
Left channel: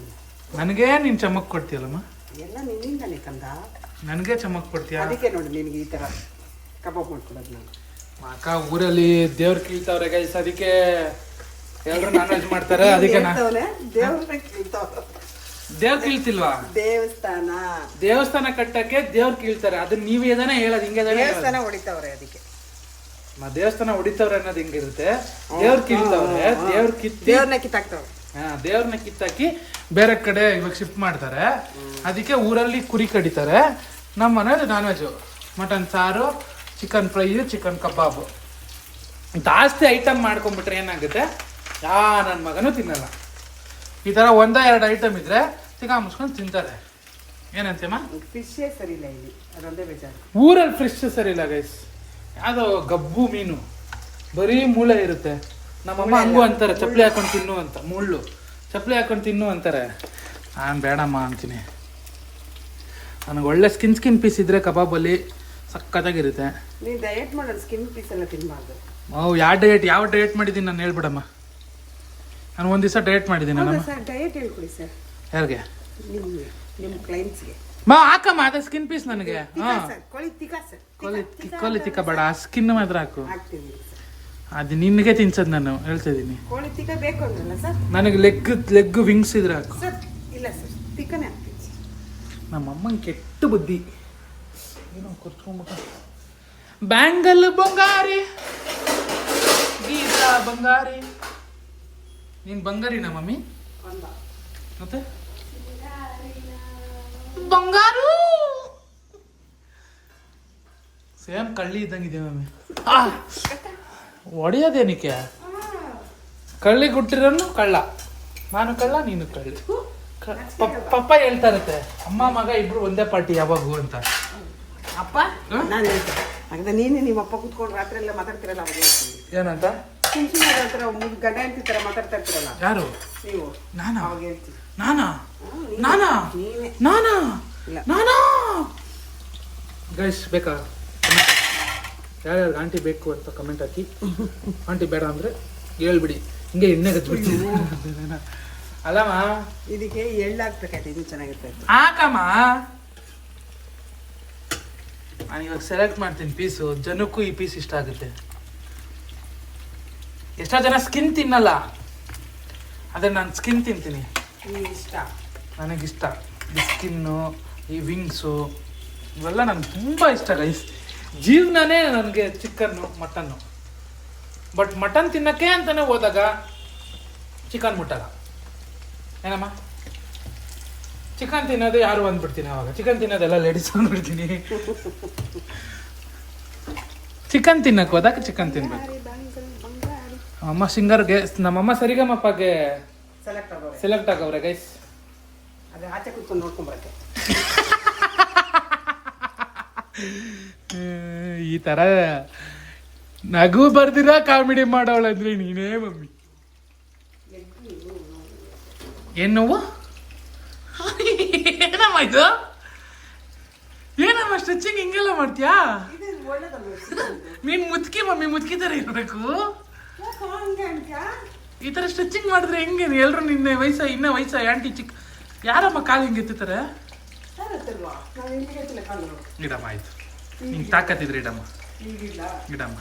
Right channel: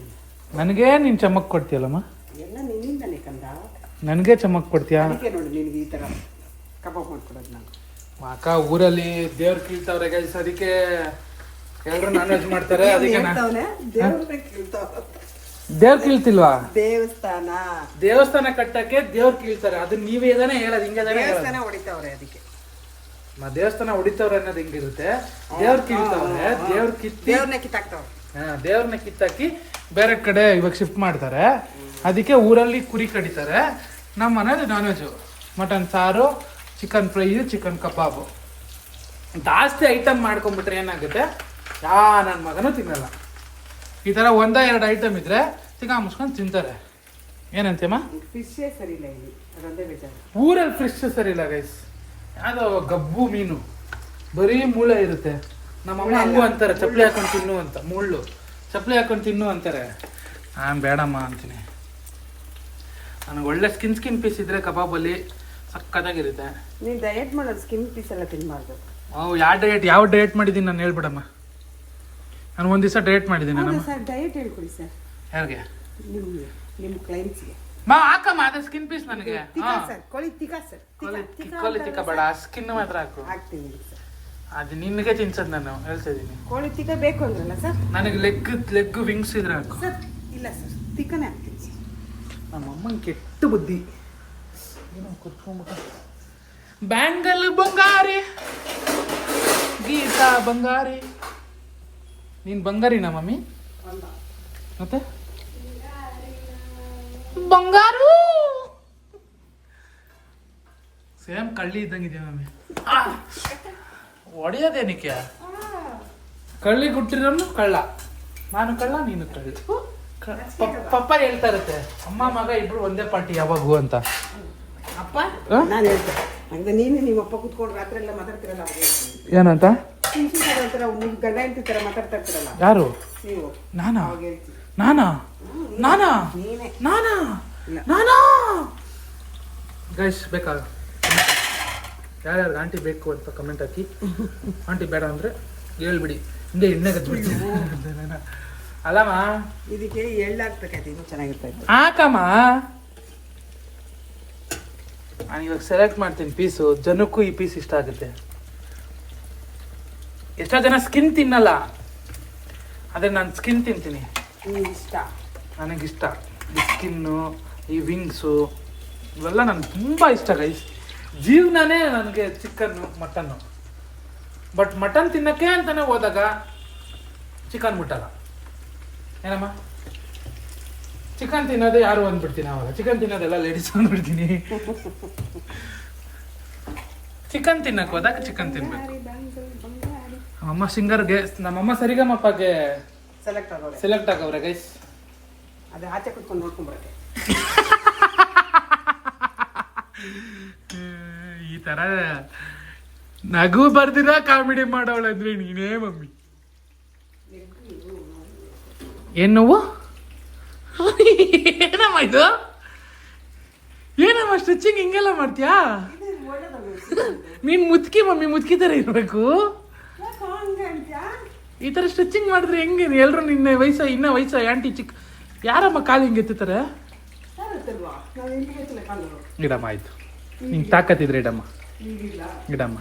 ನನಗೆ ನೀನು ಚಮಕ್ ಕೊಡ್ತೀಯಲ್ಲಮ್ಮ? ಎಲ್ಲ ನಿನ್ನಿಂದಲೇ ಕಂದ. ನನಗೆ ಚಮಕ್ ಕೊಡ್ತೀಯ? ಅದಕ್ಕೆ ನೋಡಿ ನಿನಗೆ ಈ ಥರ ಕಬಾಬ್ ಮಾಡ್ಕೊಡೋದು ನಾನು. ಅಕ್ಕ ಊರಲ್ಲಿ ದೇವ್ರು ಕೀಳ್ತಾವ್ರೆ ಗೈಸ್, ಅದಕ್ಕೆ ಎಲ್ಲರೂ ನಾನ್ ವೆಜ್ ಮಾಡ್ತಾರೆ. ಅದಕ್ಕೆ ದೇವ್ರು ಕೀಳ್ತಿಲ್ವಾ? ದೇವಸ್ಥಾನ ಕಟ್ಟಕ್ಕೆ ದೇವ್ರು ಕೀಳ್ತಾರೆ. ಅದನ್ನ ನೀವೇ ಏದಾನೆ ಹೇಳೋದು, ಹಿಂಗೆ ದೇವಸ್ಥಾನ ಹೊಡಿತಾವ್ರೆ. ಅದಕ್ಕೆ ದೇವಸ್ಥಾನ ಹೊಡಿತಾವ್ರೆ ಅನ್ನೋದು ಹಿಂಗಿರುತ್ತೆ. ದೇವ್ರು ಕೀಳ್ತಾವ್ರೆ, ದೇವ್ರನ್ನ ಕಿತ್ತಾಕಿ ಬೇರೆ ಕಡೆ ಇವಾಗ ಶಿಫ್ಟ್ ಮಾಡ್ತಾರೆ. ಅದಕ್ಕೆ ಊರಲ್ಲಿ ಕುರಿ ಕಡಿತಾರೆ. ನಮ್ಮ ಮನೇಲಿ ನಾನ್ ವೆಜ್, ಮಟನ್ ಸಾರು, ಚಿಕನ್ ಫ್ರೈ, ಚಿಕನ್ ಕಬಾಬು. ಜಾಸ್ತಿ ಐಟಮ್ ಮಾಡ್ಕೊಂಡ್ಬಿಟ್ರೆ ಏನಾಗುತ್ತೆ, ನನ್ನ ಮಗನೂ ತಿನ್ನಲ್ಲ. ಈ ಥರ 1-2 ಐಟಮ್ ಇದ್ರೆ ಚಿಕನ್ ಮುಸ್ಕೊಂಡು ತಿಂತಾರೆ. ಏನಂತಮ್ಮ? ಫಿಶೇ ಸರಿ ಇಲ್ಲ ಇಲ್ಲಿ, ಅದೊಂದೇ ಬೇಜಾರು. ಊರಲ್ಲಿ ಫ್ರೆಶ್ ಸರಿ ಇಲ್ಲ ಗೈಸ್. ಯಾವುದೋ ಗಬ್ಬು ಮೀನು, ಬರೀ ಮೂಳೆ ಇರುತ್ತೆ. ನಮ್ಮಮ್ಮ ಹಂಗೂ ಅಂತಾರೆ, ಚಪ್ಪಲಿ ಹಾಕೊಂಡು ತಿನ್ನು ಅಂತ. ಮುಳ್ಳು ಚಪ್ಪಲಿ ಹಾಕೊಂಡು ತಿನ್ನು ಅಂತಾರೆ. ನಾನು ಬೇಡಮ್ಮ ಅಂತೀನಿ. ನನಗೆ ಒಳ್ಳೆ ಸ್ಕಿನ್ ಪೀಸ್ ಇದ್ರೆ ಕಬಾಬಲ್ಲಿ ಸಕ್ಕತ್ತಾಗಿರುತ್ತೆ. ನೀನು ಡಯಟ್ ಮಾಡೋದು ಸ್ಕಿನ್ ಪೀಸ್ ಎಲ್ಲ ತಿನ್ನಬಾರ್ದು. ಯಾವ ಡಯಟ್ ಮಾಡಿದ್ದೀನಿ ನಾನು ಹೇಳ್ಬಿಡಮ್ಮ. ನಾನು ಒಂದು ದಿವಸ ಡಯಟ್ ಮಾಡಿದ್ದೀನಿ. ಸರ್ ಡಯಟ್ ಹೇಳ್ಕೊಡಿ ಸರ್. ಯಾರಿಗೆ? ನಿಮಗೆ, ನಿಮ್ಮ ಕ್ಲೈಂಟ್ಸ್ಗೆ. ಹಾಕಮ್ಮ, ಅದೇ ಸ್ಕಿನ್ ಪೀಸ್ ನನಗೆ. ಕೋಳಿ ತಿಕ್ಕ ಬೇಡ, ಸ್ಕಿನ್ ಮಾತ್ರ ಹಾಕು. ಹಾಕ್ತೀವಿ ಸರ್. ಅದು ನಿನಗೆ ತಿನ್ಸದ್ ನಾನು ಹೇಳ್ತಿದ್ದೀನಿ. ಕೋಳಿ ತಿಕ್ಕ ಬೇಕು ಅಂದ್ರಲ್ಲ ಸರ್? ನನಗೆ ಲೆಗ್ ವಿಂಗ್ಸ್ ಇದ್ರೆ ಹಾಕು ಸರ್. ಇಲ್ಲ ಸರ್, ತಿಕ್ಕನೇ ಹಾಕ್ತೀನಿ ಸರ್. ನಮ್ಮಮ್ಮಂಗೆ ಕೆಟ್ಟ ಬುದ್ಧಿ. ಏನೋ ಕೊಚ್ಕೊಂಡ್ಬಿಟ್ಟ. ಬ್ಯಾಂಗಲ್ ಬಂಗಾರಿ, ಗೀತಾ ಬಂಗಾರಿ. ನೀನ್ ಬಂಗಾರಿನಾ ಮಮ್ಮಿ? ಮತ್ತೆ ಬಂಗಾರು ಸೇಮ್ ಕಳ್ಳಿ ಇದ್ದಂಗಿದೆ ಮಮ್ಮಿ. ಹೊಡಿಯೋದೇನಕ್ಕೆ? ಕಳ್ಳಿ ಗುಟ್ಟಿರೋನು ಕಳ್ಳ, ನಾನು ಕಳ್ಳ ನೀನು ಕಳ್ಳಿ. ಪಪ್ಪ ಹೇಳ್ತಾ ಇರತ್ತೆ, ಅಮ್ಮ ಮಗ ಇಬ್ರು ಒಂದೇ ಪಾರ್ಟಿ ಯಾವಾಗೂ ಅಂತ. ಅಪ್ಪ ನಾನು ಹೇಳ್ತೇನೆ. ಹಾಗಾದ್ರೆ ನೀನು ನಿಮ್ಮ ಅಪ್ಪ ಕೂತ್ಕೊಂಡು ರಾತ್ರಿ ಎಲ್ಲ ಮಾತಾಡ್ತಿರಲ್ಲ, ಅವಾಗ ಏನಂತ? ಗಂಡ ಹೆಂಡತಿ ತರ ಮಾತಾಡ್ತಾ ಇರ್ತೀರಲ್ಲ. ಯಾರು? ನೀವು. ನಾನಾ? ಅವಾಗ ಹೇಳ್ತೀನಿ. ನಾನಾ ಗೈಸ್ ಬೇಕಾ? ಯಾರ್ಯಾರು ಆಂಟಿ ಬೇಕು ಅಂತ ಕಮೆಂಟ್ ಹಾಕಿ. ಆಂಟಿ ಬೇಡ ಅಂದ್ರೆ ಹೇಳ್ಬಿಡಿ, ಹಿಂಗೆ ಎಣ್ಣೆ ಗಚ್ಬಿಡ್ತೀನಿ. ಅಲ್ಲಮ್ಮ, ಇದಕ್ಕೆ ಎಳ್ಳಾಗ್ಬೇಕಾಯ್ತು, ಇದು ಚೆನ್ನಾಗಿರ್ತಾಯಿತ್ತು. ಹಾಕಮ್ಮ, ನಾನು ಇವಾಗ ಸೆಲೆಕ್ಟ್ ಮಾಡ್ತೀನಿ ಪೀಸು. ಜನಕ್ಕೂ ಈ ಪೀಸ್ ಇಷ್ಟ ಆಗುತ್ತೆ. ಎಷ್ಟೋ ಜನ ಸ್ಕಿನ್ ತಿನ್ನಲ್ಲ, ಆದರೆ ನಾನು ಸ್ಕಿನ್ ತಿಂತೀನಿ. ನಿಮ್ಗೆ ಇಷ್ಟ. ನನಗಿಷ್ಟ ಈ ಸ್ಕಿನ್ನು, ಈ ವಿಂಗ್ಸು ಇವೆಲ್ಲ ನನಗೆ ತುಂಬ ಇಷ್ಟ ಗೈಸ್. ಜೀವನನೇ ನನಗೆ ಚಿಕನ್ನು, ಮಟನ್ನು. ಬಟ್ ಮಟನ್ ತಿನ್ನೋಕ್ಕೆ ಅಂತಲೇ ಹೋದಾಗ ಚಿಕನ್ ಮುಟ್ಟಲ್ಲ ಏನಮ್ಮ. ಚಿಕನ್ ತಿನ್ನೋದು ಯಾರು ಅಂದ್ಬಿಡ್ತೀನಿ, ಅವಾಗ ಚಿಕನ್ ತಿನ್ನೋದೆಲ್ಲ ಲೇಡೀಸ್ ಅಂದ್ಬಿಡ್ತೀನಿ. ಚಿಕನ್ ತಿನ್ನಕ್ಕೆ ಹೋದಾಗ ಚಿಕನ್ ತಿನ್ಬೇಕು. ಅಮ್ಮ ಸಿಂಗರ್ಗೆ, ನಮ್ಮಮ್ಮ ಸರಿಗಮ್ಮಪ್ಪಗೆ ಸೆಲೆಕ್ಟ್ ಆಗವ್ರೆ ಗೈಸ್. ಅದೇ ಆಚೆ ಕುತ್ಕೊಂಡು ನೋಡ್ಕೊಂಬರಕ್ಕೆ. ಈ ತರ ನಗು ಬರ್ದಿರ ಕಾಮಿಡಿ ಮಾಡೋಳಂದ್ರೆ ನೀನೇ ಮಮ್ಮಿ. ಏನ್ ನೋವು? ಏನಮ್ಮ ಇದು? ಏನಮ್ಮ ಸ್ಟ್ರೆಚಿಂಗ್ ಹಿಂಗೆಲ್ಲ ಮಾಡ್ತೀಯಾ? ನೀನ್ ಮುತ್ಕಿ ಮಮ್ಮಿ, ಮುತ್ಕಿ ತರ ಇರ್ಬೇಕು. ಈ ತರ ಸ್ಟ್ರೆಚಿಂಗ್ ಮಾಡಿದ್ರೆ ಹೆಂಗೆ? ಎಲ್ರು ನಿನ್ನೆ ಇನ್ನ ವಯಸ್ಸ ಆಂಟಿ ಚಿಕ್ಕ ಯಾರಮ್ಮ ಕಾಲು ಹಿಂಗೆ ಎತ್ತುತ್ತಾರೆ? ಗಿಡಮ್ಮ ಆಯ್ತು, ನಿಂಗೆ ತಾಕತ್ತಿದ್ರೆ ಇಡಮ್ಮ, ಗಿಡಮ್ಮ.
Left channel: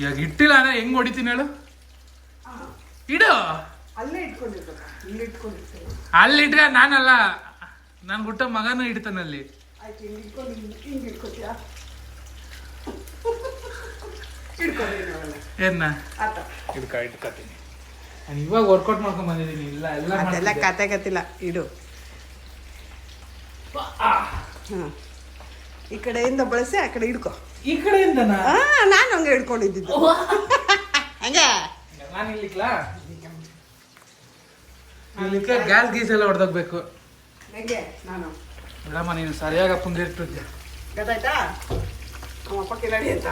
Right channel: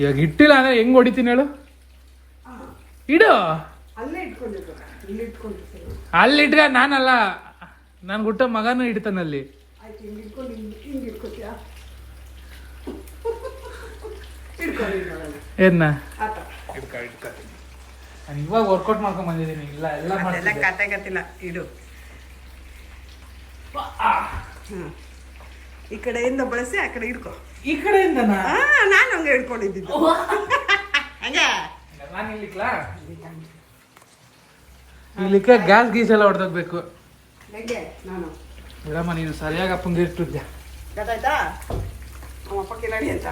ಇವಾಗ ಇಟ್ಟಿಲ್ಲ ಅಂದ್ರೆ ಹೆಂಗ್ ಹೊಡಿತೀನಿ ಹೇಳು? ಇಡು. ಅಲ್ಲಿಟ್ರೆ ನಾನಲ್ಲ, ನನ್ ಹುಟ್ಟ ಮಗನೂ ಇಡ್ತಾನಲ್ಲಿ. ಏನ ಇಟ್ಕೊತೀನಿ ನಾನು. ಇವಾಗ ವರ್ಕೌಟ್ ಮಾಡ್ಕೊಂಡ್ ಬಂದಿದ್ದೀನಿ. ಇಲ್ಲ ಎಲ್ಲ ಕತೆಗತ್ತಿಲ್ಲ, ಇಡು. ಈ ಕಡೆಯಿಂದ ಬಳಸಿ ಆ ಕಡೆ ಹಿಡ್ಕೊ. ಈ ಕಡೆಯಿಂದ ನಾನು ಹಂಗೆ ಹಿಡ್ಕೊಂಡಿದ್ದು ಹಂಗೆ. ನಾನು ಇಲ್ಲಿಕ್ಲಾ ಇದಕ್ಕೆ ಗ್ಯಾಸ್ ಗೀಸ್ ಎಲ್ಲ ಹೊಡೆದಬೇಕು. ನಾನು ಬಿಡಮ್ಮ, ನೀನು ಸರಿಯಾಗಿ ಅಪ್ಪಂಗೆ ಇಟ್ಟಿದ್ದೆ. ಗೊತ್ತಾಯ್ತಾ? ನಮ್ಮಪ್ಪಕ್ಕೆ ರೆಡಿ ಅಂತ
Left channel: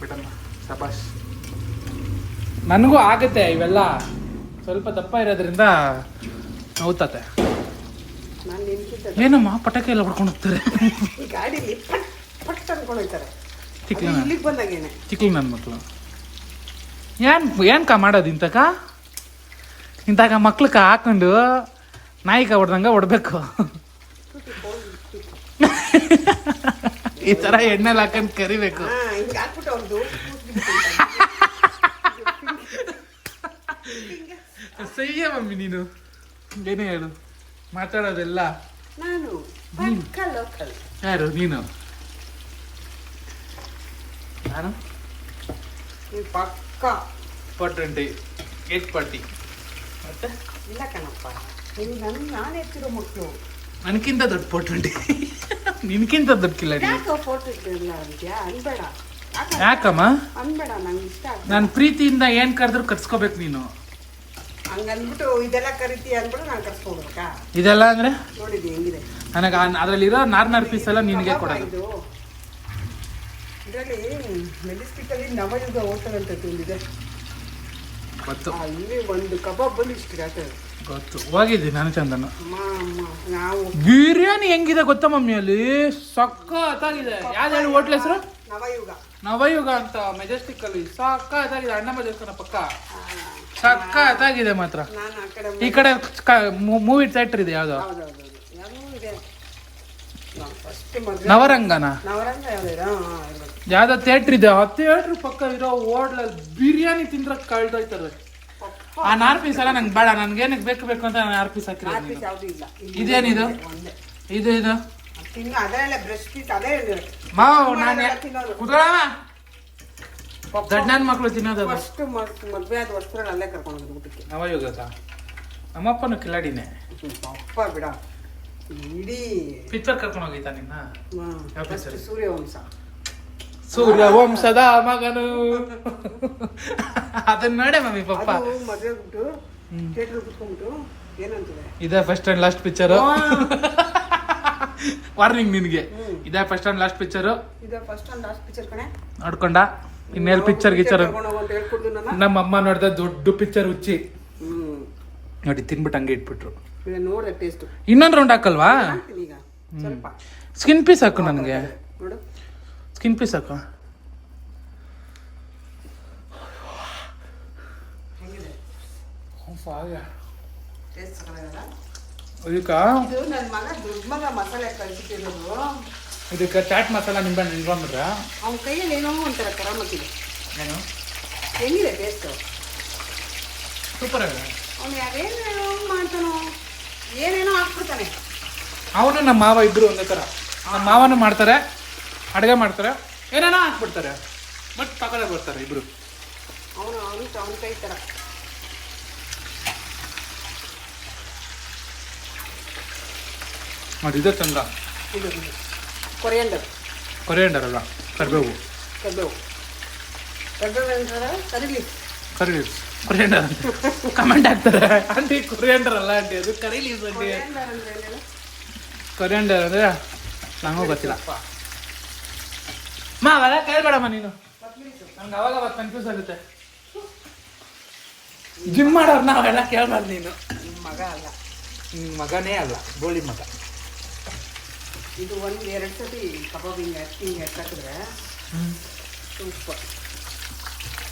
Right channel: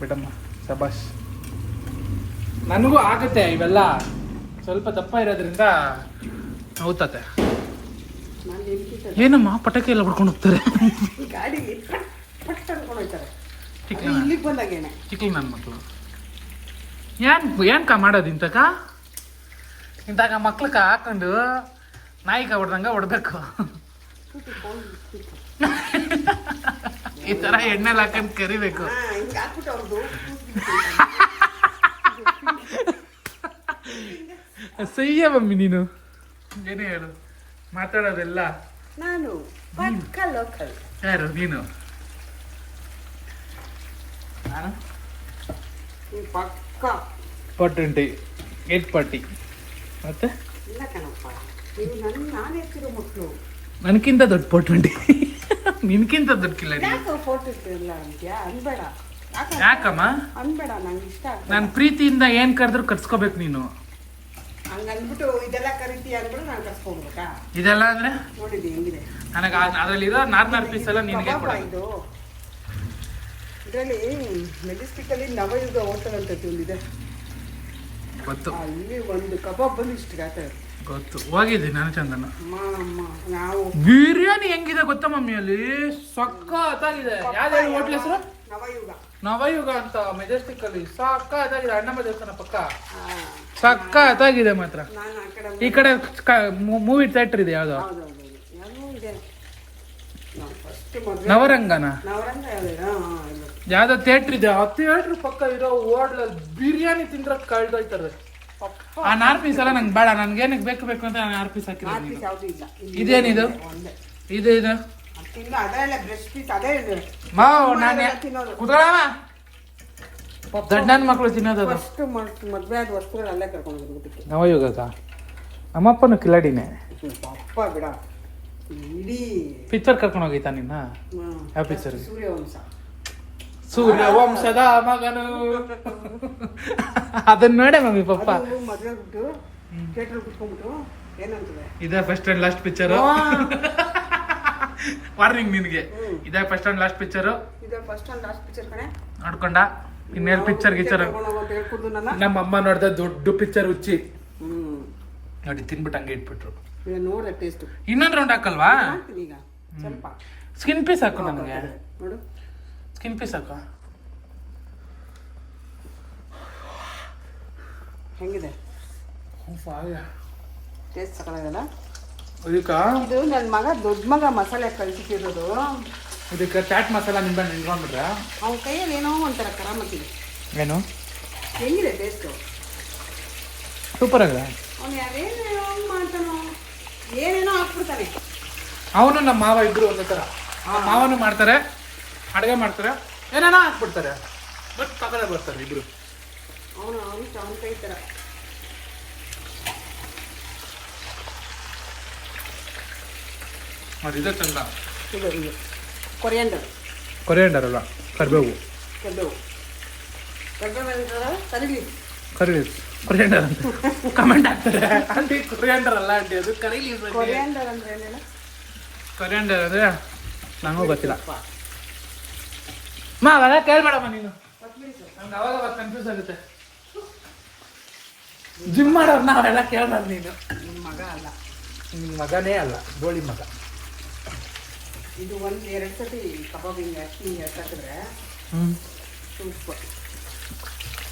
ಬಿಡಮ್ಮ, ಸಬಾಷ್. ನನಗೂ ಆಗುತ್ತೆ ಇವೆಲ್ಲ, ಸ್ವಲ್ಪ ದಪ್ಪ ಇರೋದ್ರಿಂದ ನೋವ್ತತೆ. ಏನಮ್ಮ ಪಟಾಕಿ ಎಲ್ಲ ಹೊಡ್ಕೊಂಡು ಹೋಗ್ತಾರೆ ಗಾಡಿಲಿ ಪಟ್ ಅನ್ಕೊಂಡು ಹೋಗ್ತಾರೆ. ಇಲ್ಲಿಗೆ ಬಂದಾಗೇನೆ ಚಿಕ್ಕಿ ನನ್ನ ಮಕ್ಕಳು ಏನ್ಕ ಮಾಡೋದು ಇಂತಕ ಮಕ್ಳಕ್ಕ ಹಾಕೊಂಡು ನಾಯಿಕ ಹೊಡ್ದಂಗ ಹೊಡ್ಬೇಕು. ಈ ತರ ಎಣ್ಣೆಲ್ಲ ಹಾಕೊಂಡು ಕರಿಬೇಕು. ಸಹ್ಯ ಮಮ್ಮಿ, ನೀನು ಏನು ಹೇಳು ಮಾತಾಡೋದೆಲ್ಲ. ನಾನು ಲೋಕಲ್. ಯಾರು ನೀನು? ನಾನು ಪಕ್ಕ 420 840. ಮತ್ತೆ ಇಲ್ಲ ಕಣಪ್ಪ, ನಾನು ಹೆಚ್ಚಿರೋ ಮಕ್ಕಳು. ನನಗಿಂತ ದೊಡ್ಡ 420. ನಿನ್ಕಿಂತ ದೊಡ್ಡ ಕಿಲ್ಲ. ಯಾಕೆ ಫೋಟೋ ಇಲ್ಲ ಅಂತ್ಯಾ? ಅನ್ಬೇಡ. ಯಾಕಮ್ಮ ಅನ್ಬೇಡ, ನಂಗೆ ಇಷ್ಟ. ನಾನು ಪ್ರೀತಿಯಿಂದ ಏನ್ ಕರೆದ್ರು ಕರ್ಸ್ಕೋಬೇಕು ನೀನು. ಹಂಗನ್ಬಿಟ್ಟು ಇದೆಲ್ಲ ಕರಿತಿ ಅಂದ್ಬಿಟ್ಟು ನಾನು ಕರ್ಸ್ಕೊಡ್ಬೇಕಾ? ಇದೆಲ್ಲ ಅಂದ್ರೆ ನೋಡಿದ್ದೆ ಹೆಂಗಿದೆ. ನನಗೆ ಅದರಲ್ಲಿರೋ 4 ಪೀಸ್ ಎಲ್ಲ ನಿನಗೆ ಇದು ಇದರಲ್ಲಿ ಮೆಜೆಸ್ಟಿಕ್ ಅಲ್ಲಿ ನವಯುಗ ಹೋಟೆಲ್ ಅಂತ ಒಂದಿದೆ, ಗೊತ್ತು. ಅಲ್ಲಿ ಒಂದು ಕಬಾಬ್ ಬಂದು ಇಷ್ಟು ಗಾತ್ರ ಗೊತ್ತು, ಹೋಗಿದ್ದೆ ನಾನು ಚಂದನ. ನಾವು ಬಿರಿಯಾನಿ ಹೆಂಗಿದೆ ಗೊತ್ತಾ ಮಮ್ಮಿ? ಅಲ್ಲಿ ಸಕ್ಕತ್ತಾಗಿದೆ. ಯಾವ್ದು ಹೇಳಿ ಹೋಟ್ಲ್ ಹೆಸರು? ನವಯುಗ. ನವಯುಗ ಅಂತ ಮೆಜೆಸ್ಟಿಕ್ ಅಲ್ಲಿ ಸಕ್ಕತ್ತಾಗಿದೆ. ಅಣ್ಣಮ್ಮ ದೇವಸ್ಥಾನ ಪಕ್ಕ ಸಕ್ಕತ್ತಾಗಿದೆ ಮಾತ್ರ. ಈ ಕಡೆ ಮೂವಿ ಥಿಯೇಟರ್ ಇದೆ ಯಾವ್ದು? ನವರಂಗನ ಯಾವ್ದೋ ಥಿಯೇಟರ್ ಇದೆ. ಆ ಥಿಯೇಟರ್ ಪಕ್ಕ ಇರೋ ಹೋಟ್ಲಲ್ಲಿ ಬಿರಿಯಾನಿ ತಿಂದ್ರೆ ಕಳ್ದೋಯ್ತಾರೆ. ಆ 4 ಪೀಸ್ ಎಲ್ಲ ನಂಗೆ ಬೇಡ, ನನ್ಗೆ ಏನಕ್ಕೆ ಬೇಕು ಅಂತ ನಾನು 6 ಪೀಸ್ ಹಾಕಿದ್ದೀನಿ. ಇದೇನಿದು? ಇದು ಮಾವ್ ನಾನು ಕುತ್ಕೊಳ್ಳವ. ದಡ್ಡನ ಮಕ್ಕಳು ತಿನ್ನೋದು. ಮದ್ವೆ ಆದ ವರ್ಷದಲ್ಲಿ ಅಲ್ಲೇ ಕರ್ಕೊಂಡು ಊಟಕ್ಕೆ. ನವಯುಗ ನಮ್ಮಪ್ಪನು ಕಿಲಾಡಿನೇ. ಅಪ್ಪ ಬಿಡ, ಇಡೀ ಪಿಕ್ಚರ್ ಕರ್ಕೊಂಡು ಹೋಗಿತ್ತ ನಿನ್ನ? ಸೂರ್ಯವಂಶದ ಮಗನು. ಅದನ್ನ ನೋಡ ಮಮ್ಮಿ ಪಪ್ಪ ಮದ್ವೆ ಬಿಟ್ಟು ಥಿಯೇಟರ್ ಕುತ್ಕೊಂಡ್ಬಿಟ್ಟು ಏನಂತದೆ, ಇದೇ first and last picture. Warning ನಿನ್ಗೆ, ಇದೇ ಫಸ್ಟ್ ಅಂಡ್ ಲಾಸ್ಟ್ ಪಿಕ್ಚರ್. ಕಣೆ ನೋಡ್ಕೊಂಡ. ಇನ್ನೇನು ಪಿಕ್ಚರ್ ಗಿಚ್ಚರ್ ನಮ್ಮ ಅಮ್ಮ ನೋಡ್ದ ದೊಡ್ಡ ಪಿಕ್ಚರ್ ಹುಚ್ಚಿ ನೋಡಿ ತಿನ್ಬಿಟ್ಟು ಹಂಗೆ ಇಟ್ಬಿಟ್ರು. ನೋಡ್ದೆ ಟೇಸ್ಟ್. ಇನ್ನೊಂದು ರೌಂಡ್ ಹಾಕಲ್ವಾ? ಈಗ ಸ್ವಲ್ಪ ಸ್ಕಿನ್ ಪೀಸ್ ಹಾಕು ನನಗೆ. ನೋಡು ಸ್ಕಿನ್ ಪೀಸ್ ಹಾಕು. ಹೆಂಗಿದೆ ಟೇಸ್ಟ್? ಸಕಲಾಗಲ್ಲ. ಇದಕ್ಕ ಇದು ನನ್ನ ಮಗ, ದೊಡ್ಡ ಮಗ ಮಸಾಲೆ ಕಲಿಸಿರೋದು. ಇದಕ್ಕೆ ಚಾಟ್ ಮಸಾಲ ನಿಂಬೆಹಣ್ಣು ನಿಂತ್ಕೊಂಡ್ಬಿಟ್ರೆ ಅವನ ಕೈಯಲ್ಲಿ ಏನೋ ಒಂಥರ ಕರಾಮತ್ತಿದೆ. ಏನು ಹೆಂಗಿದೆ ಟೇಸ್ಟು? ಸೂಪರ್ ಅಲ್ಲ ಅವ್ನು ಯಾರೇನು ಮಾಡ್ತಾನೋ ಏನೇನೋ ಹಾಕ್ಬಿಡ್ತಾನೆ. ಅವನು ನಮ್ಮ ಮಾವ ಇಬ್ಬರು ಒಂದೇ ಥರ. ನಮ್ಮ ಮಾವನು ಮಾಡ್ತಾರೆ, ಅಡುಗೆ ಮಾಡ್ತಾರೆ, ಏನೇನೋ ಹಾಕ್ಬಿಡ್ತಾರೆ, ಬಟ್ ತಗೊಂಡೇ ಬರ್ತಾರೆ ಇಬ್ಬರು. ಅವನು ಕೈ ಥರ. ಅದು ಇದೆ ಚಂದ. ಇದು ಕೊರಿಯಂಡರ್. ಕೊರಿಯಂಡರ್ ಅಲ್ಲ, ಕರಿಬೇವು. ಕರಿಬೇವು ಕರಿ ಲೀವ್ಸ್. ಕೊರಿಯಂಡರ್ ಅಂತ ಕಮೆಂಟ್ ಹಾಕ್ತಾರೆ. ಆಂಟಿ ಕೊರಿಯಂಡರ್ ಅಲ್ಲ ಆಂಟಿ, ಅದು ಕರಿ ಲೀವ್ಸ್ ಆಂಟಿ. ಕೊರಿಯಂಡರ್ ಅಂದರೆ ನನಗೂ ಗೊತ್ತಿಲ್ಲ. ಅವೆಲ್ಲ ಕೇಳ್ಬೇಡಮ್ಮ ನೀನು, ನಂಗೆ ಅವಾಗ ಕನ್ಫ್ಯೂಸ್ ಆಗುತ್ತೆ. ಜಿಮ್ ಮಾಡೋರ್ನ ಅವೆಲ್ಲ ಕೇಳ್ಬಾರ್ದು ನೀನು. ಮಗ ಅಲ್ಲ, ನಿಮ್ಮ ಮಗನೇ ಅಲ್ಲ, ಗೋಳಿ ಮಗ. ಇದು 1-2 ಸತಿ ಕಬಾಬ್ ಹಿಂಗೆ ಹಾಕಿದ್ರೆ ಸೂಪರ್.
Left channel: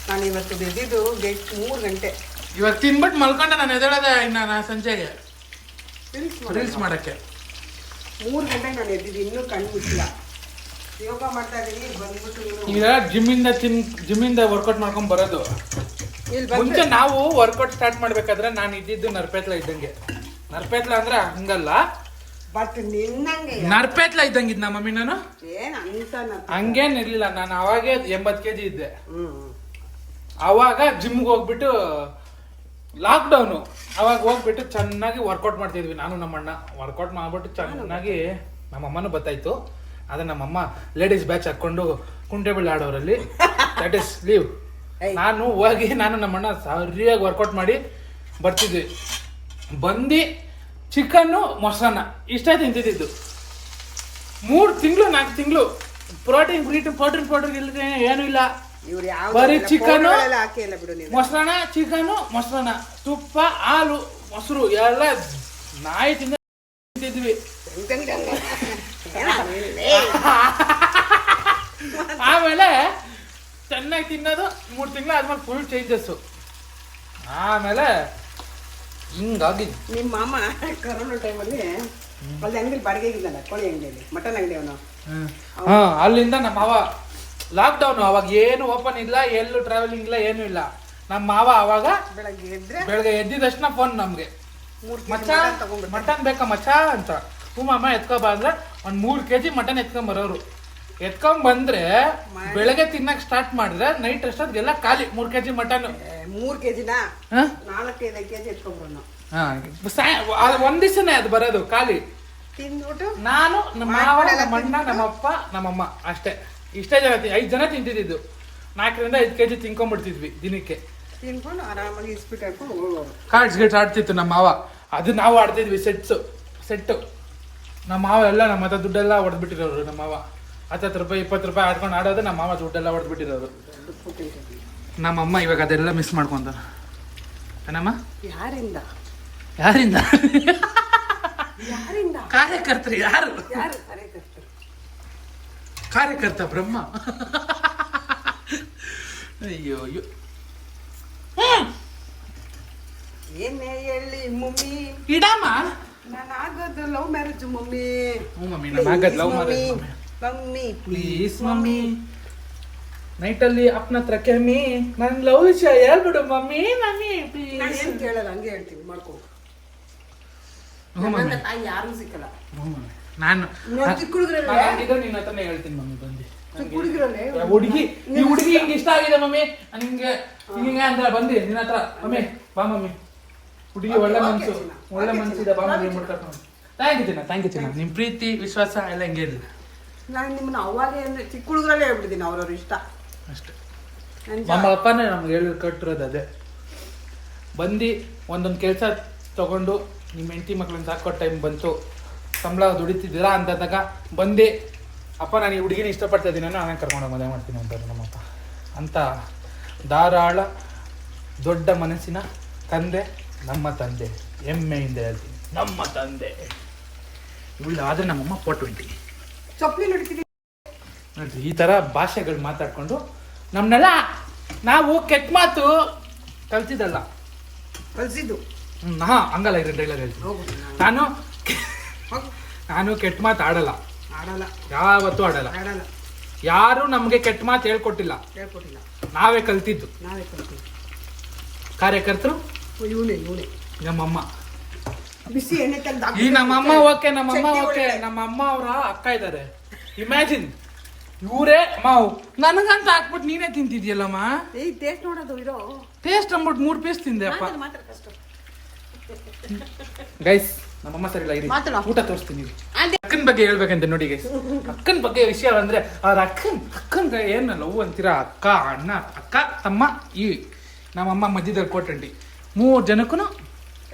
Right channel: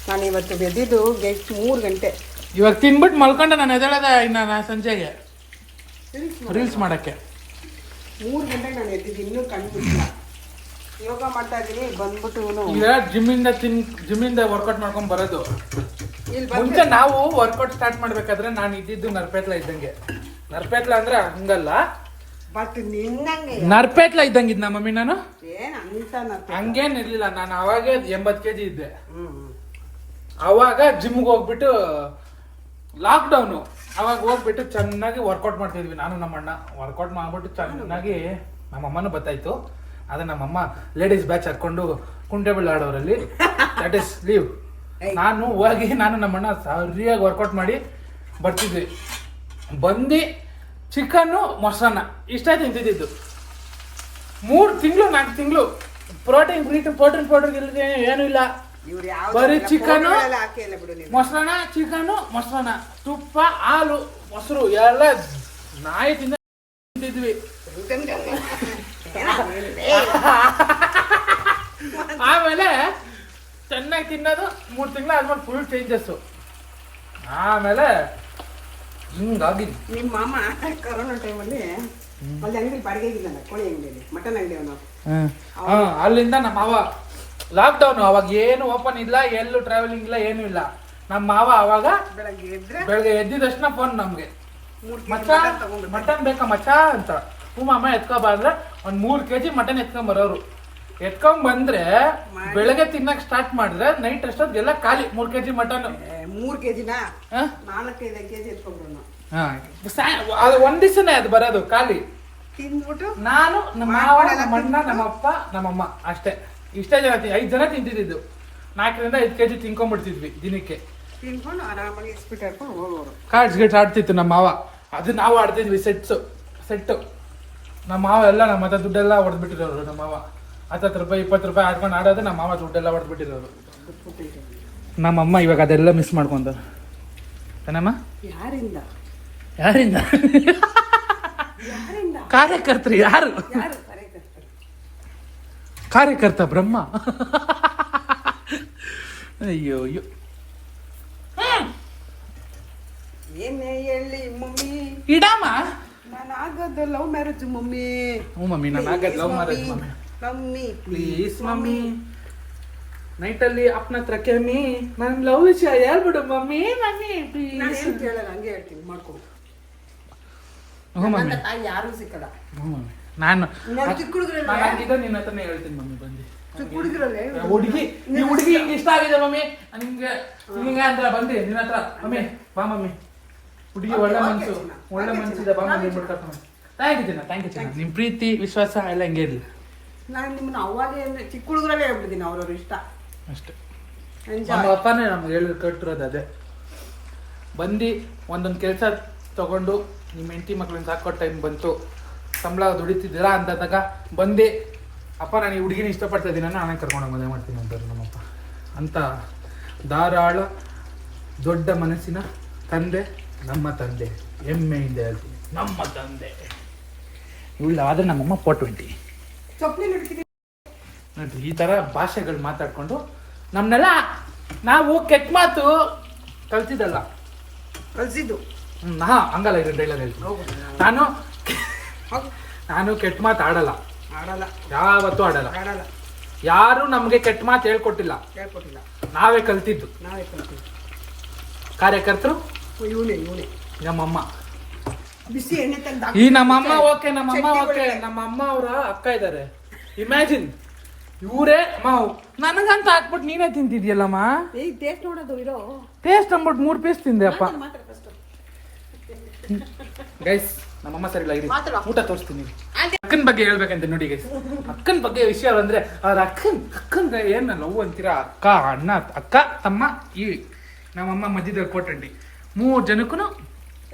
ನಾನು ಇವತ್ತು ಬೆದ್ದಿದ್ದು 3 ಗಂಟೆ. ಇವಾಗ ತಿನ್ಬಿಟ್ಟು ಮಲ್ಕೊಂಡು ನಾನು ಎದ್ದೇಳದೆ ಇನ್ನು ನಾನು ಸಂಜೆಗೆ ರೀಲ್ಸ್ ಮಾಡೋಕ್ಕೆ. 3 ಗಂಟೆಗೆ ನಾನು ಎದ್ದಿದ್ದು, ಇನ್ನೂ ಕಣ್ಣು ಮುಚ್ಚಿಲ್ಲ. ಯೋಗ ಮಾಡ್ತಾ ಇದ್ದೀನಿ. ಬಂದ್ಬಿಟ್ಟು ಈಗ ಜಿಮ್ಮಿಂದ ವರ್ಕೌಟ್ ಮಾಡ್ಕೊಂಡು ಬರೋದು. ಇಲ್ಲಿ ಮುಂಚೆ ನಾವು ವರ್ಕೌಟ್ ಸ್ಟಾರ್ಟ್ ಮಾಡ್ಬೇಕಾದ್ರೆ ನಾನು ಇದ್ದಿದ್ದು ನರ್ಪೇತ್ಲ ಇದ್ದಂಗೆ. ನರ್ಪೇತ್ಲ ಅಂದ್ರೆ ಹಂಗಲ್ಲ, ಬಟ್ ನಿನ್ನಂಗೆ ನರ್ಪೇತ್ಲ ಇದ್ದಂಗೆ ಇದ್ದ ಮಮ್ಮಿ. ನಾನು ಏನ್ ಅಂತ ಹಂಗೇನ್ ಇರ್ಲಿಲ್ಲ. ನಾನು ಅವಾಗೇ 80 kg ಇದ್ದೆ. ಅವಾಗ ಜಿಮ್ಗೆ ಹೋಗ್ಬಿಟ್ಟು ಲಾಕ್ಡೌನು ಅವಾಗ ಹೋಗ್ಬಿಟ್ಟು ಚೆನ್ನಾಗಿ ವರ್ಕೌಟ್ ಮಾಡ್ತಿದ್ವಿ ನಾನು ನಮ್ಮಣ್ಣ. ವರ್ಕೌಟ್ ಮಾಡ್ಬಿಟ್ಟು ಚೆನ್ನಾಗಿ ನಮ್ಮಮ್ಮನೂ ಬತ್ತಾಯ್ತು. ಅದೇ ನಮ್ಮಮ್ಮ ಲೇಡೀಸ್ ಬ್ಯಾಚ್ ಹಾಕೊಂಡು ಕುಂಟೆಬೀಳು ಆಡೋರಲ್ಲಿ ದಟ್ ಇಸ್ ಲೀವ್. ನಾನು ಹೋಗಿ ನಾನು ನಮ್ಮಣ್ಣ ಸರಿಯಾಗಿ ವರ್ಕೌಟ್ ಮಾಡಿ ಬರ್ತಿದ್ವಿ. ಬಂದು ಚಿಕನ್ನು ಮೊಸರನ್ನ ಇಷ್ಟೇ ತಿಂತಿದ್ದು. 3 ತಿಂಗಳು 4 ತಿಂಗಳು ಪ್ರೋಟೀನ್ ಪೌಡರ್ ಇಲ್ಲದೆ ಏನೂ ಇಲ್ಲ. ಬರೀ ಚಿಕನ್ನು ಮೊಸರನ್ನ, ಚಿಕನ್ನು ಮೊಸರನ್ನ, ತುಪ್ಪ, ಹಾಲು, ಮೊಸರು ಎಲ್ಲ ನಾಯಿ ತಿಂತಿದ್ವಿ. ಆಮೇಲೆ ಚೆನ್ನಾಗಿ ತಿನ್ನೋದು 3 ತಿಂಗಳು ಆದ್ಮೇಲೆ ಫುಲ್ ಚೇಂಜಸ್ಸು. ಆಮೇಲೆ ಹಿಂಗಾಗಿ ನಿಮ್ಮ ಮಾಮ ಕೊರೋನಾ ಟೈಮಲ್ಲಿ ಅಲ್ಲಿ ಅಂಗಡಿ ಬಾಡಿಗೆಗಿಲ್ಲ, ಕೋಳಿ ಅಂಗಡಿಯಲ್ಲಿ, ಮಟನ್ ಅಂಗಡಿ ಅವನು. ಅಲ್ಲಿಂದ ನಮ್ಮ ಮಾವ ಲಾಕ್ಡೌನ್ ಅವಾಗ ಏನು ಓಪನ್ ಇಲ್ಲ, ಎಲ್ಲೂ ಟ್ರಾವೆಲಿಂಗ್ ಇಲ್ಲ, ಏನೂ ಇಲ್ಲ. ನಮ್ಮ ಮಾವ ಅವಾಗ ಬೆಳಗ್ಗೆ ಎದ್ದಿದ ತಕ್ಷಣ ಫೋನ್ ನಮ್ಗೆ, ಮಚ್ಚ ಮಟನ್ ಬೇಕಾ ಮಚ್ಚ ಅಂತ. ಮಾಮ ಎತ್ಕೊಬಾರ್ದ್ರೆ 3 kg ಮಟನ್ ಎತ್ಕೊಂಬರೋರು. ಎತ್ಕೊಂಡ್ಬಂದ್ರೆ ಬೆಳಗ್ಗೆ ತಿನ್ನಕ್ ಸ್ಟಾರ್ಟ್ ಮಾಡಿದ್ರೆ ನೈಟ್ ಅಷ್ಟೊತ್ತಿಗೆಲ್ಲ ಖಾಲಿ 3 kg ಮಟನ್. 3 kg 4-5 kg ಎತ್ಕೊಂಡ್ರು. ಅದು ಒಂದ್ ದಿವಸನೇ ಅದು ಬರೋದು ಖಾಲಿ. ತಿಂದ್ಬಿಟ್ಟು ನಾನು ನಮ್ಮ ಮಾವ, ನಮ್ಮ ಅಣ್ಣ, ನಮ್ಮಪ್ಪ, ನಮ್ಮಮ್ಮ ಅಷ್ಟೇ. ಇಷ್ಟೇ ಜನ 5 ಜನ ತಿಂತಿದ್ದು. 4-5 kg ತಿನ್ಕೊಂಡ್ಬಿಡ್ತಿದ್ವಿ ದಿನಕ್ಕೆ. ತಿನ್ಕೊಂಡು ಆರಾಮಾಗಿ ಇಸ್ಬಿಟ್ಟು ಹಾಕೊಂಡು ಹೋಗೋರು. ಕಾರ್ಡ್ಸ್ ಗೇಟ್ ಆಡ್ತಿತ್ತು ನಮ್ಮ ಮಾವ. ಅದು ನಾವು ಆಡ್ತಿದ್ವಿ ಸೆಟ್ಟು. ನಮ್ಮ ಮಾವ ಎಲ್ಲ ನಮ್ಮ ಹತ್ರ ದುಡ್ಡೆಲ್ಲ ಹೊಡೆದ್ಬಿಟ್ಟಿರೋರು. ನಮ್ಮ ಮಾವ 10 ರೂಪಾಯಿ 20 ರೂಪಾಯಿ ಆಡ್ಕೊಂಡು ಆಡೋದು. ನಮ್ಮ ಮಾವ ದುಡ್ಡೆಲ್ಲ ಹೊಡೆದ್ಬಿಟ್ಟಿರೋರು. ನಮ್ಮಮ್ಮ ಇವಾಗ ಅದೆಲ್ಲ ಮಿಸ್ ಮಾಡ್ಕೊಂತಾರೆ. ಏನಮ್ಮ? ಯಾರಿಂದ ಕಾರ್ಯಕರ್ತರು. ಯಾರು ಕಾರ್ಯಕರ್ತ? ಬ್ರಹ್ಮ. ಅಯ್ಯೋ ಅಯ್ಯೋ. ಏನೇ ಹೇಳಿ ಮಮ್ಮಿ, ಇಡಮ್ಮ. ನಾನು ಆಗೋದು ಲವ್ ಮ್ಯಾರೇಜ್ ಮಮ್ಮಿ. ಹ್ಞೂ ಮಮ್ಮಿ, ನಾನು ಆಗೋದು love marriage mummy. Please mummy, ನೈಟಲ್ಲಿ ಅಪ್ಪನ ಹತ್ರ ಕೆಮ್ಮಿ ನನ್ನ ಲವ್ ವಿಷಯ ಹೇಳ್ಬಿಡು ಮಮ್ಮಿ. Mummy please. ಕೇಳಲ್ಲ, ಹಂಗೆ ಹೇಳ್ತೀನಿ, ಮಾಡ್ಕೊ. ಹ್ಞೂ ಮಮ್ಮಿ. ತಾಯಿ ಯಾರು ಸಿಕ್ಕಲ್ಲ. ಹ್ಞೂ ಮಮ್ಮಿ, ನಾನು ಚಿಕ್ಕ ಹುಡುಗರಲ್ಲ, ನಿನ್ನ ಹತ್ರನೇ ಹೇಳ್ತೀನಿ ಮಮ್ಮಿ. ಬಂದು ಚಿಕ್ಕ ಹುಡುಗರಲ್ಲೇ ಹುಡುಗಿ ಹಿಂಗೆ ಇಷ್ಟ ಆಗಿದೆ ಮಮ್ಮಿ ನಿಂಗೆ ಹಿಂಗೆ ಅಂತ ಬಂದು ನಿನ್ನ ಹತ್ರ. ಮಮ್ಮಿ ಬಾ ಮಮ್ಮಿ, ಹುಡುಗಿ ಒಳ್ಳೆ ಮನ್ಸಿದೆ ಬಾ ಮಮ್ಮಿ. ಥ್ಯಾಂಕ್ ಯು ಚಿನ್ನ. ನಿಮ್ಮ ಪ್ರೀತಿ ವಿಶ್ವಾಸ ಎಲ್ಲ ಹಿಂಗೆ ಇರಲಿ. ನಾನು ನಿಮ್ಮನ್ನ ಅವಾಗೇ ಅಂದರೆ ಚಿಕ್ಕ ಹುಡುಗರಲ್ಲೇ ಹೇಳ್ಬಿಡ್ತೀನಿ, ಅವ್ರವ್ರ ಇಷ್ಟ ಅಷ್ಟೇ. ನಮ್ಮ ಅಪ್ಪನೇ ನಮ್ಗೆ ಹೇಳಿ ಕಟ್ಟಿರೋದು ಅದೇ. ಬಂದು ಒಂದೊಂದು ಕೆಲಸ ತಗೊಂಡು ನಿಮ್ಮ ಹೆಂಡತಿ ಮಕ್ಳನ್ನ ಸಾಕೋ ಟೈಮ್ ಬಂತು, ಸಂಬಳ ದುಡಿತಿದ್ದೀರಾ ಅಂದಾಗ ಬಂದು ಅಪ್ಪ ನಾನು ಈ ಹುಡುಗಿನ ಇಷ್ಟಪಡ್ತಾ ಇದ್ದೀನಿ, ನಾನೇ ಕರ್ಕೊಂಡೋಗಿ ಮದುವೆ ಮಾಡ್ತೀನಿ ಅಂತಾರೆ ನಮ್ಮಪ್ಪ. ಅಂತ ಧಾರಾಳ ದೊಡ್ಡ ಮನಸ್ಸಿನ ತಂದೆ ನಮ್ಮ ತಂದೆ. ಹೆಮ್ಮೆಯಿಂದ ಹೇಳ್ತೀನಿ, ನಮ್ಮ ತಂದೆ. ಇಲ್ಲ ಆದರೆ ನಮ್ಮಮ್ಮ 420 ಚಪ್ಪಲಿ ನೋಡ್ತೀನಿ ನೋಡ್ರಿ. ಈ ಥರ ಭಾಷೆಗಳು ಮಾತಾಡ್ಕೊಂಡು ನಮ್ಮನ್ನೆಲ್ಲ ನಾವು ಕೆಟ್ಟ ಮಾತು ಕಲ್ತಿದ್ದಲ್ಲ, ಕಲಿಸಿದ್ದು. ಹಂಗಲ್ಲ. ಇದು ಡೈಲಾಗ್ ಹೇಳ್ತೀನಿ. ನಾನು ಕೆಟ್ಟ ಮಾತು ಆಡಲ್ಲ, ಯಾವತ್ತೂ ಆಡಲ್ಲ. ಯಾರು ನಮಗೆ ಕೆಟ್ಟ ಮಾತು ಹೇಳ್ಕೊಟ್ಟಿಲ್ಲ, ನಾವೇ ಕಲ್ತಿದ್ದು. ಕಾರ್ಯಕರ್ತರು ಇವನೇ ನಮ್ಮಮ್ಮ. ಬಿಸಿ ಎಣ್ಣೆ ತೆಗ್ದು ಈ ನಮ್ಮಮ್ಮ ಓಕೆ, ನಮ್ಮಮ್ಮ ಅವರ ಅಕ್ಕ ಇದ್ದಾರೆ. ಇಮ್ಯಾಜಿನ್ ಇವರೇ ಮಾವು ನನಗಂತ ಹಾಕ್ಬಿಟ್ಟು ನೀನೇ ತಿಂತಿದ್ಯಲ್ಲಮ್ಮ. ಏಯ್ ಟೇಸ್ಟ್ ನೋಡೋದು ಇರೋ ಟೇಸ್ಟ್ ಅಂದ್ಬಿಟ್ಟು 3 ಪೀಸ್ ತಿಂದೆ ಅಪ್ಪ. ಮಾತ್ರ ಕಷ್ಟ. ಗೈಸ್ ನಮ್ಮಮ್ಮ ಸರಿ ಇಲ್ಲ, ಇರಿ ಮಾತಾಡು. ಊಟ ತೋರಿಸ್ತೀನಿ. ಅಕ್ಕನ ಬಗ್ಗೆ ಹೇಳ್ಬೇಕಂತೆ ನೋಡಿ ಗೈಸ್. ಅಕ್ಕನ ಬಗ್ಗೆ ವಿಷಯ ಬಂದ್ರೆ ಅವ್ರ ಅಕ್ಕನ್ ಏನ್ ಲವ್ ಅಂತೀರಾ, ಅಕ್ಕ ಅಣ್ಣ ಅಕ್ಕ ತಮ್ಮ ಇವಿ. ನಮ್ಮಮ್ಮ ಮಧ್ಯದಲ್ಲಿ 420 3 ಜನಕ್ಕೂ.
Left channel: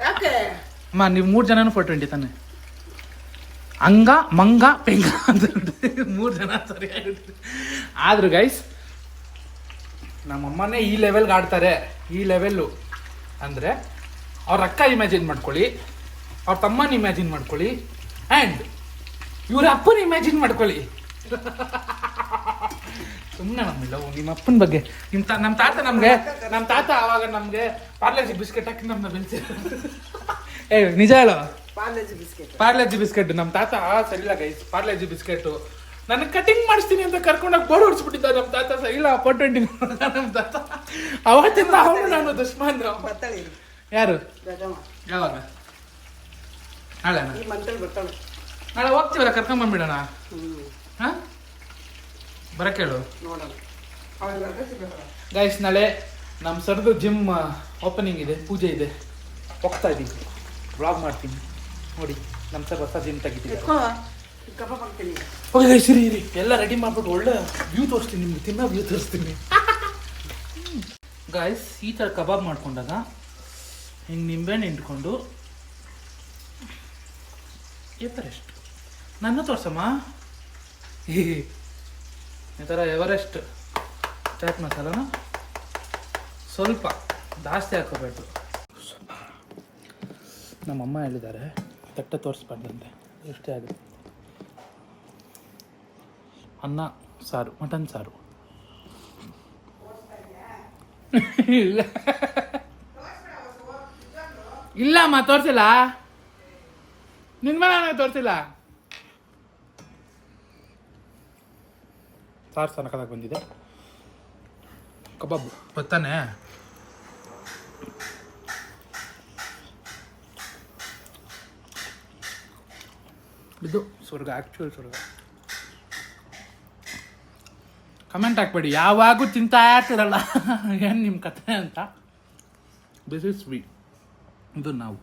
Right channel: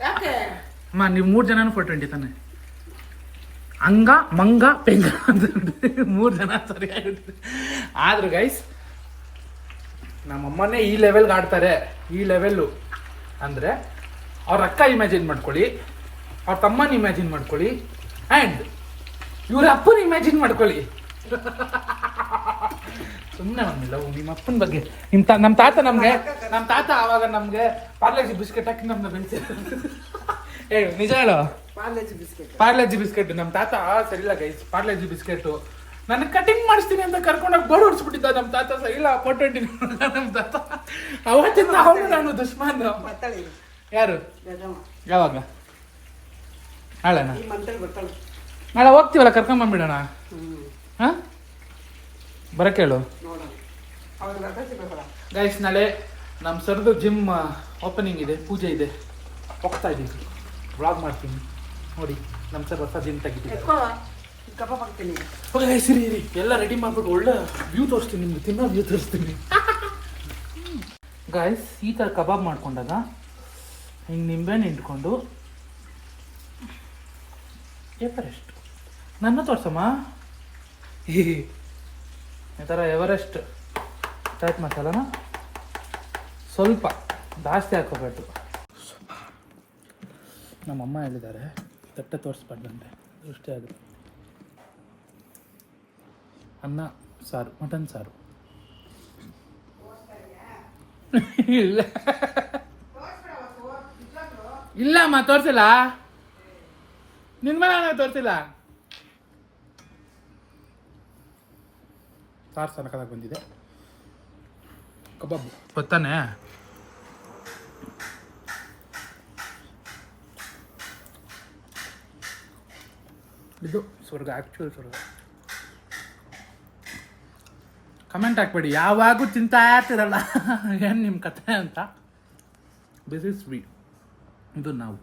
ಯಾಕೆ ಅಮ್ಮ ನೀವು 3 ಜನನು 420 ತಾನೆ? ಅಂಗ ಮಂಗ ಪೆಂಗ ಅಂತ 3 ಜನ ಸರಿಯಾಗಿರುತ್ತೆ. ಆದ್ರೂ ಗೈಸ್ ನಮ್ಮಮ್ಮನೇ ಈ ಲೆವೆಲ್ಗೆ ಆಡ್ತಾರೆ. ಈ ಲೆವೆಲ್ಲು ಅಂದರೆ ಅವ್ರ ಅಕ್ಕ ಇಮ್ಯಾಜಿನ್ ಮಾಡ್ಕೊಳ್ಳಿ, ಅವ್ರ ತಮ್ಮನ ಇಮ್ಯಾಜಿನ್ ಮಾಡ್ಕೊಳ್ಳಿ, ಆ್ಯಂಡ್ ಇವ್ರ ಅಪ್ಪನ ಇಮ್ಯಾಜಿನ್ ಮಾಡ್ಕೊಳ್ಳಿ. ಸುಮ್ಮನೆ ಮಮ್ಮಿಲ್ಲ ನಿಮ್ಮ ಅಪ್ಪನ ಬಗ್ಗೆ. ನಮ್ಮ ತಾತ ಆವಾಗ ನಮಗೆ ಪಾರ್ಲೇಜಿ ಬಿಸ್ಕೆಟ್ ಹಾಕಿ ನಮ್ಮನ್ನ ಬೆಳೆಸಿದ್ರು. ಏ ನಿಜ ಹೇಳೋ, ಪಾರ್ಲೇಜಿ ಬಿಸ್ಕೆಟ್ ನಮ್ಮ ತಾತ ಸರಿಲ್ಲ ಗೈಸ್. ಪಾರ್ಲೇಜಿ ಬಿಸ್ಕೆಟ್ ನನಗೆ ಕಟಿಂಗ್ ಮಾಡಿಸ್ತೀನಿ ಅಂತ ಕರ್ಕೊಂಡೋಗಿ ಬೋರ್ಡ್ ಹೊಡ್ಸ್ಬಿಟ್ಟಿದ್ದ ನಮ್ಮ ತಾತ. ಇಲ್ಲ 420 ನಮ್ಮ ತಾತ. ಅವತ್ತಿಂದ ಅವನು ನಾನು ದುಶ್ಮನ್. ಯಾರು ಯಾವಾಗ ನಾಳೆನಾ? ನಾಳೆ ಹೋಗ್ತೀವಲ್ಲ, ಕರ್ಕೊಂಬಂದ್ಬಿಡೋಣ. ಹಾಂ ಬರಕ್ಕೆ ಹೇಳು ಗೈಸ್. ನಾಳೆ ನಮ್ಮ ಸರ್ದು ಜಿಮ್ ಓಪನಿಂಗ್ ಇದೆ, ಪೂಜೆ ಇದೆ, ಹೋಗ್ತಾ ಇದ್ದೀವಿ. ವ್ಲಾಗ್ ಮಾಡ್ತೀನಿ ನೋಡಿ. ನಮ್ಮ ಸರ್ ಹೊಸ ಜಿಮ್ ತೆಗಿತಿದ್ದಾರೆ. ಓಕೆ ಗೈಸ್ ಇರಿ ಎಲ್ಲ ರೆಡಿ ಮಾಡ್ಬಿಟ್ಟು ಒಳ್ಳೆ ವ್ಯೂ ತೋರಿಸ್ತೀನಿ ನಿಮ್ಗೆ, ತಿನ್ನೋ ವ್ಯೂ ತೋರಿಸ್ತೀನಿ. ಗೈಸ್ ಈ ಥರ ಕಬಾಬ್ ಮಾಡ್ಕೊಂಡಾಗ ಹಿಂಗೆ ನಿಂಬೆಹಣ್ಣು ಹಿಂಡ್ಕೊಂಡು ಎವರೆಸ್ಟ್ ನನ್ನ ತೋರ್ಸಮ್ಮ. ಈ ಥರ ಎವರೆಸ್ಟ್ ಚಾಟ್ ಮಸಾಲನ ಸ್ವಲ್ಪ ಜಾಸ್ತಿ ಹಾಕೋಬೇಕು. ನಮ್ಮಮ್ಮ ಹೇಳಿದ್ದಾರೆ ತಟ್ಟೆ ತೋರಿಸ್ಬಾರ್ದಂತೆ, ಇಷ್ಟೇ ಆಗುತ್ತೆ. ಅನ್ನ ಸಾರು, ಮಟನ್ ಸಾರು. ಇಲ್ಲ ಇಲ್ಲಮ್ಮ ತೋರಿಸಿಲ್ಲ, ನಿನ್ನ ಮೇಲೆ ನನಗೆ ತೋರಿಸಿಲ್ಲ. ಸಾರು ಸನಕದಾಗ ಬಂದಿದೆ. ಕಬಾಬ್ ಗೊತ್ತಾನೆ. ಇದು ಸ್ವರ್ಗ, ಆ್ಯಕ್ಚುಯಲ್ ಸ್ವರ್ಗ. ಕಮೆಂಟ್ ಹಾಕ್ಬೇಡಿ ಯಾವಾಗೂ ತಿಂತಾ ಇರ್ತಿರಲ್ಲ ಏನು ನಿಮ್ಮ ಕಥೆ ಅಂತ. This is sweet. ಇದು ನಾವು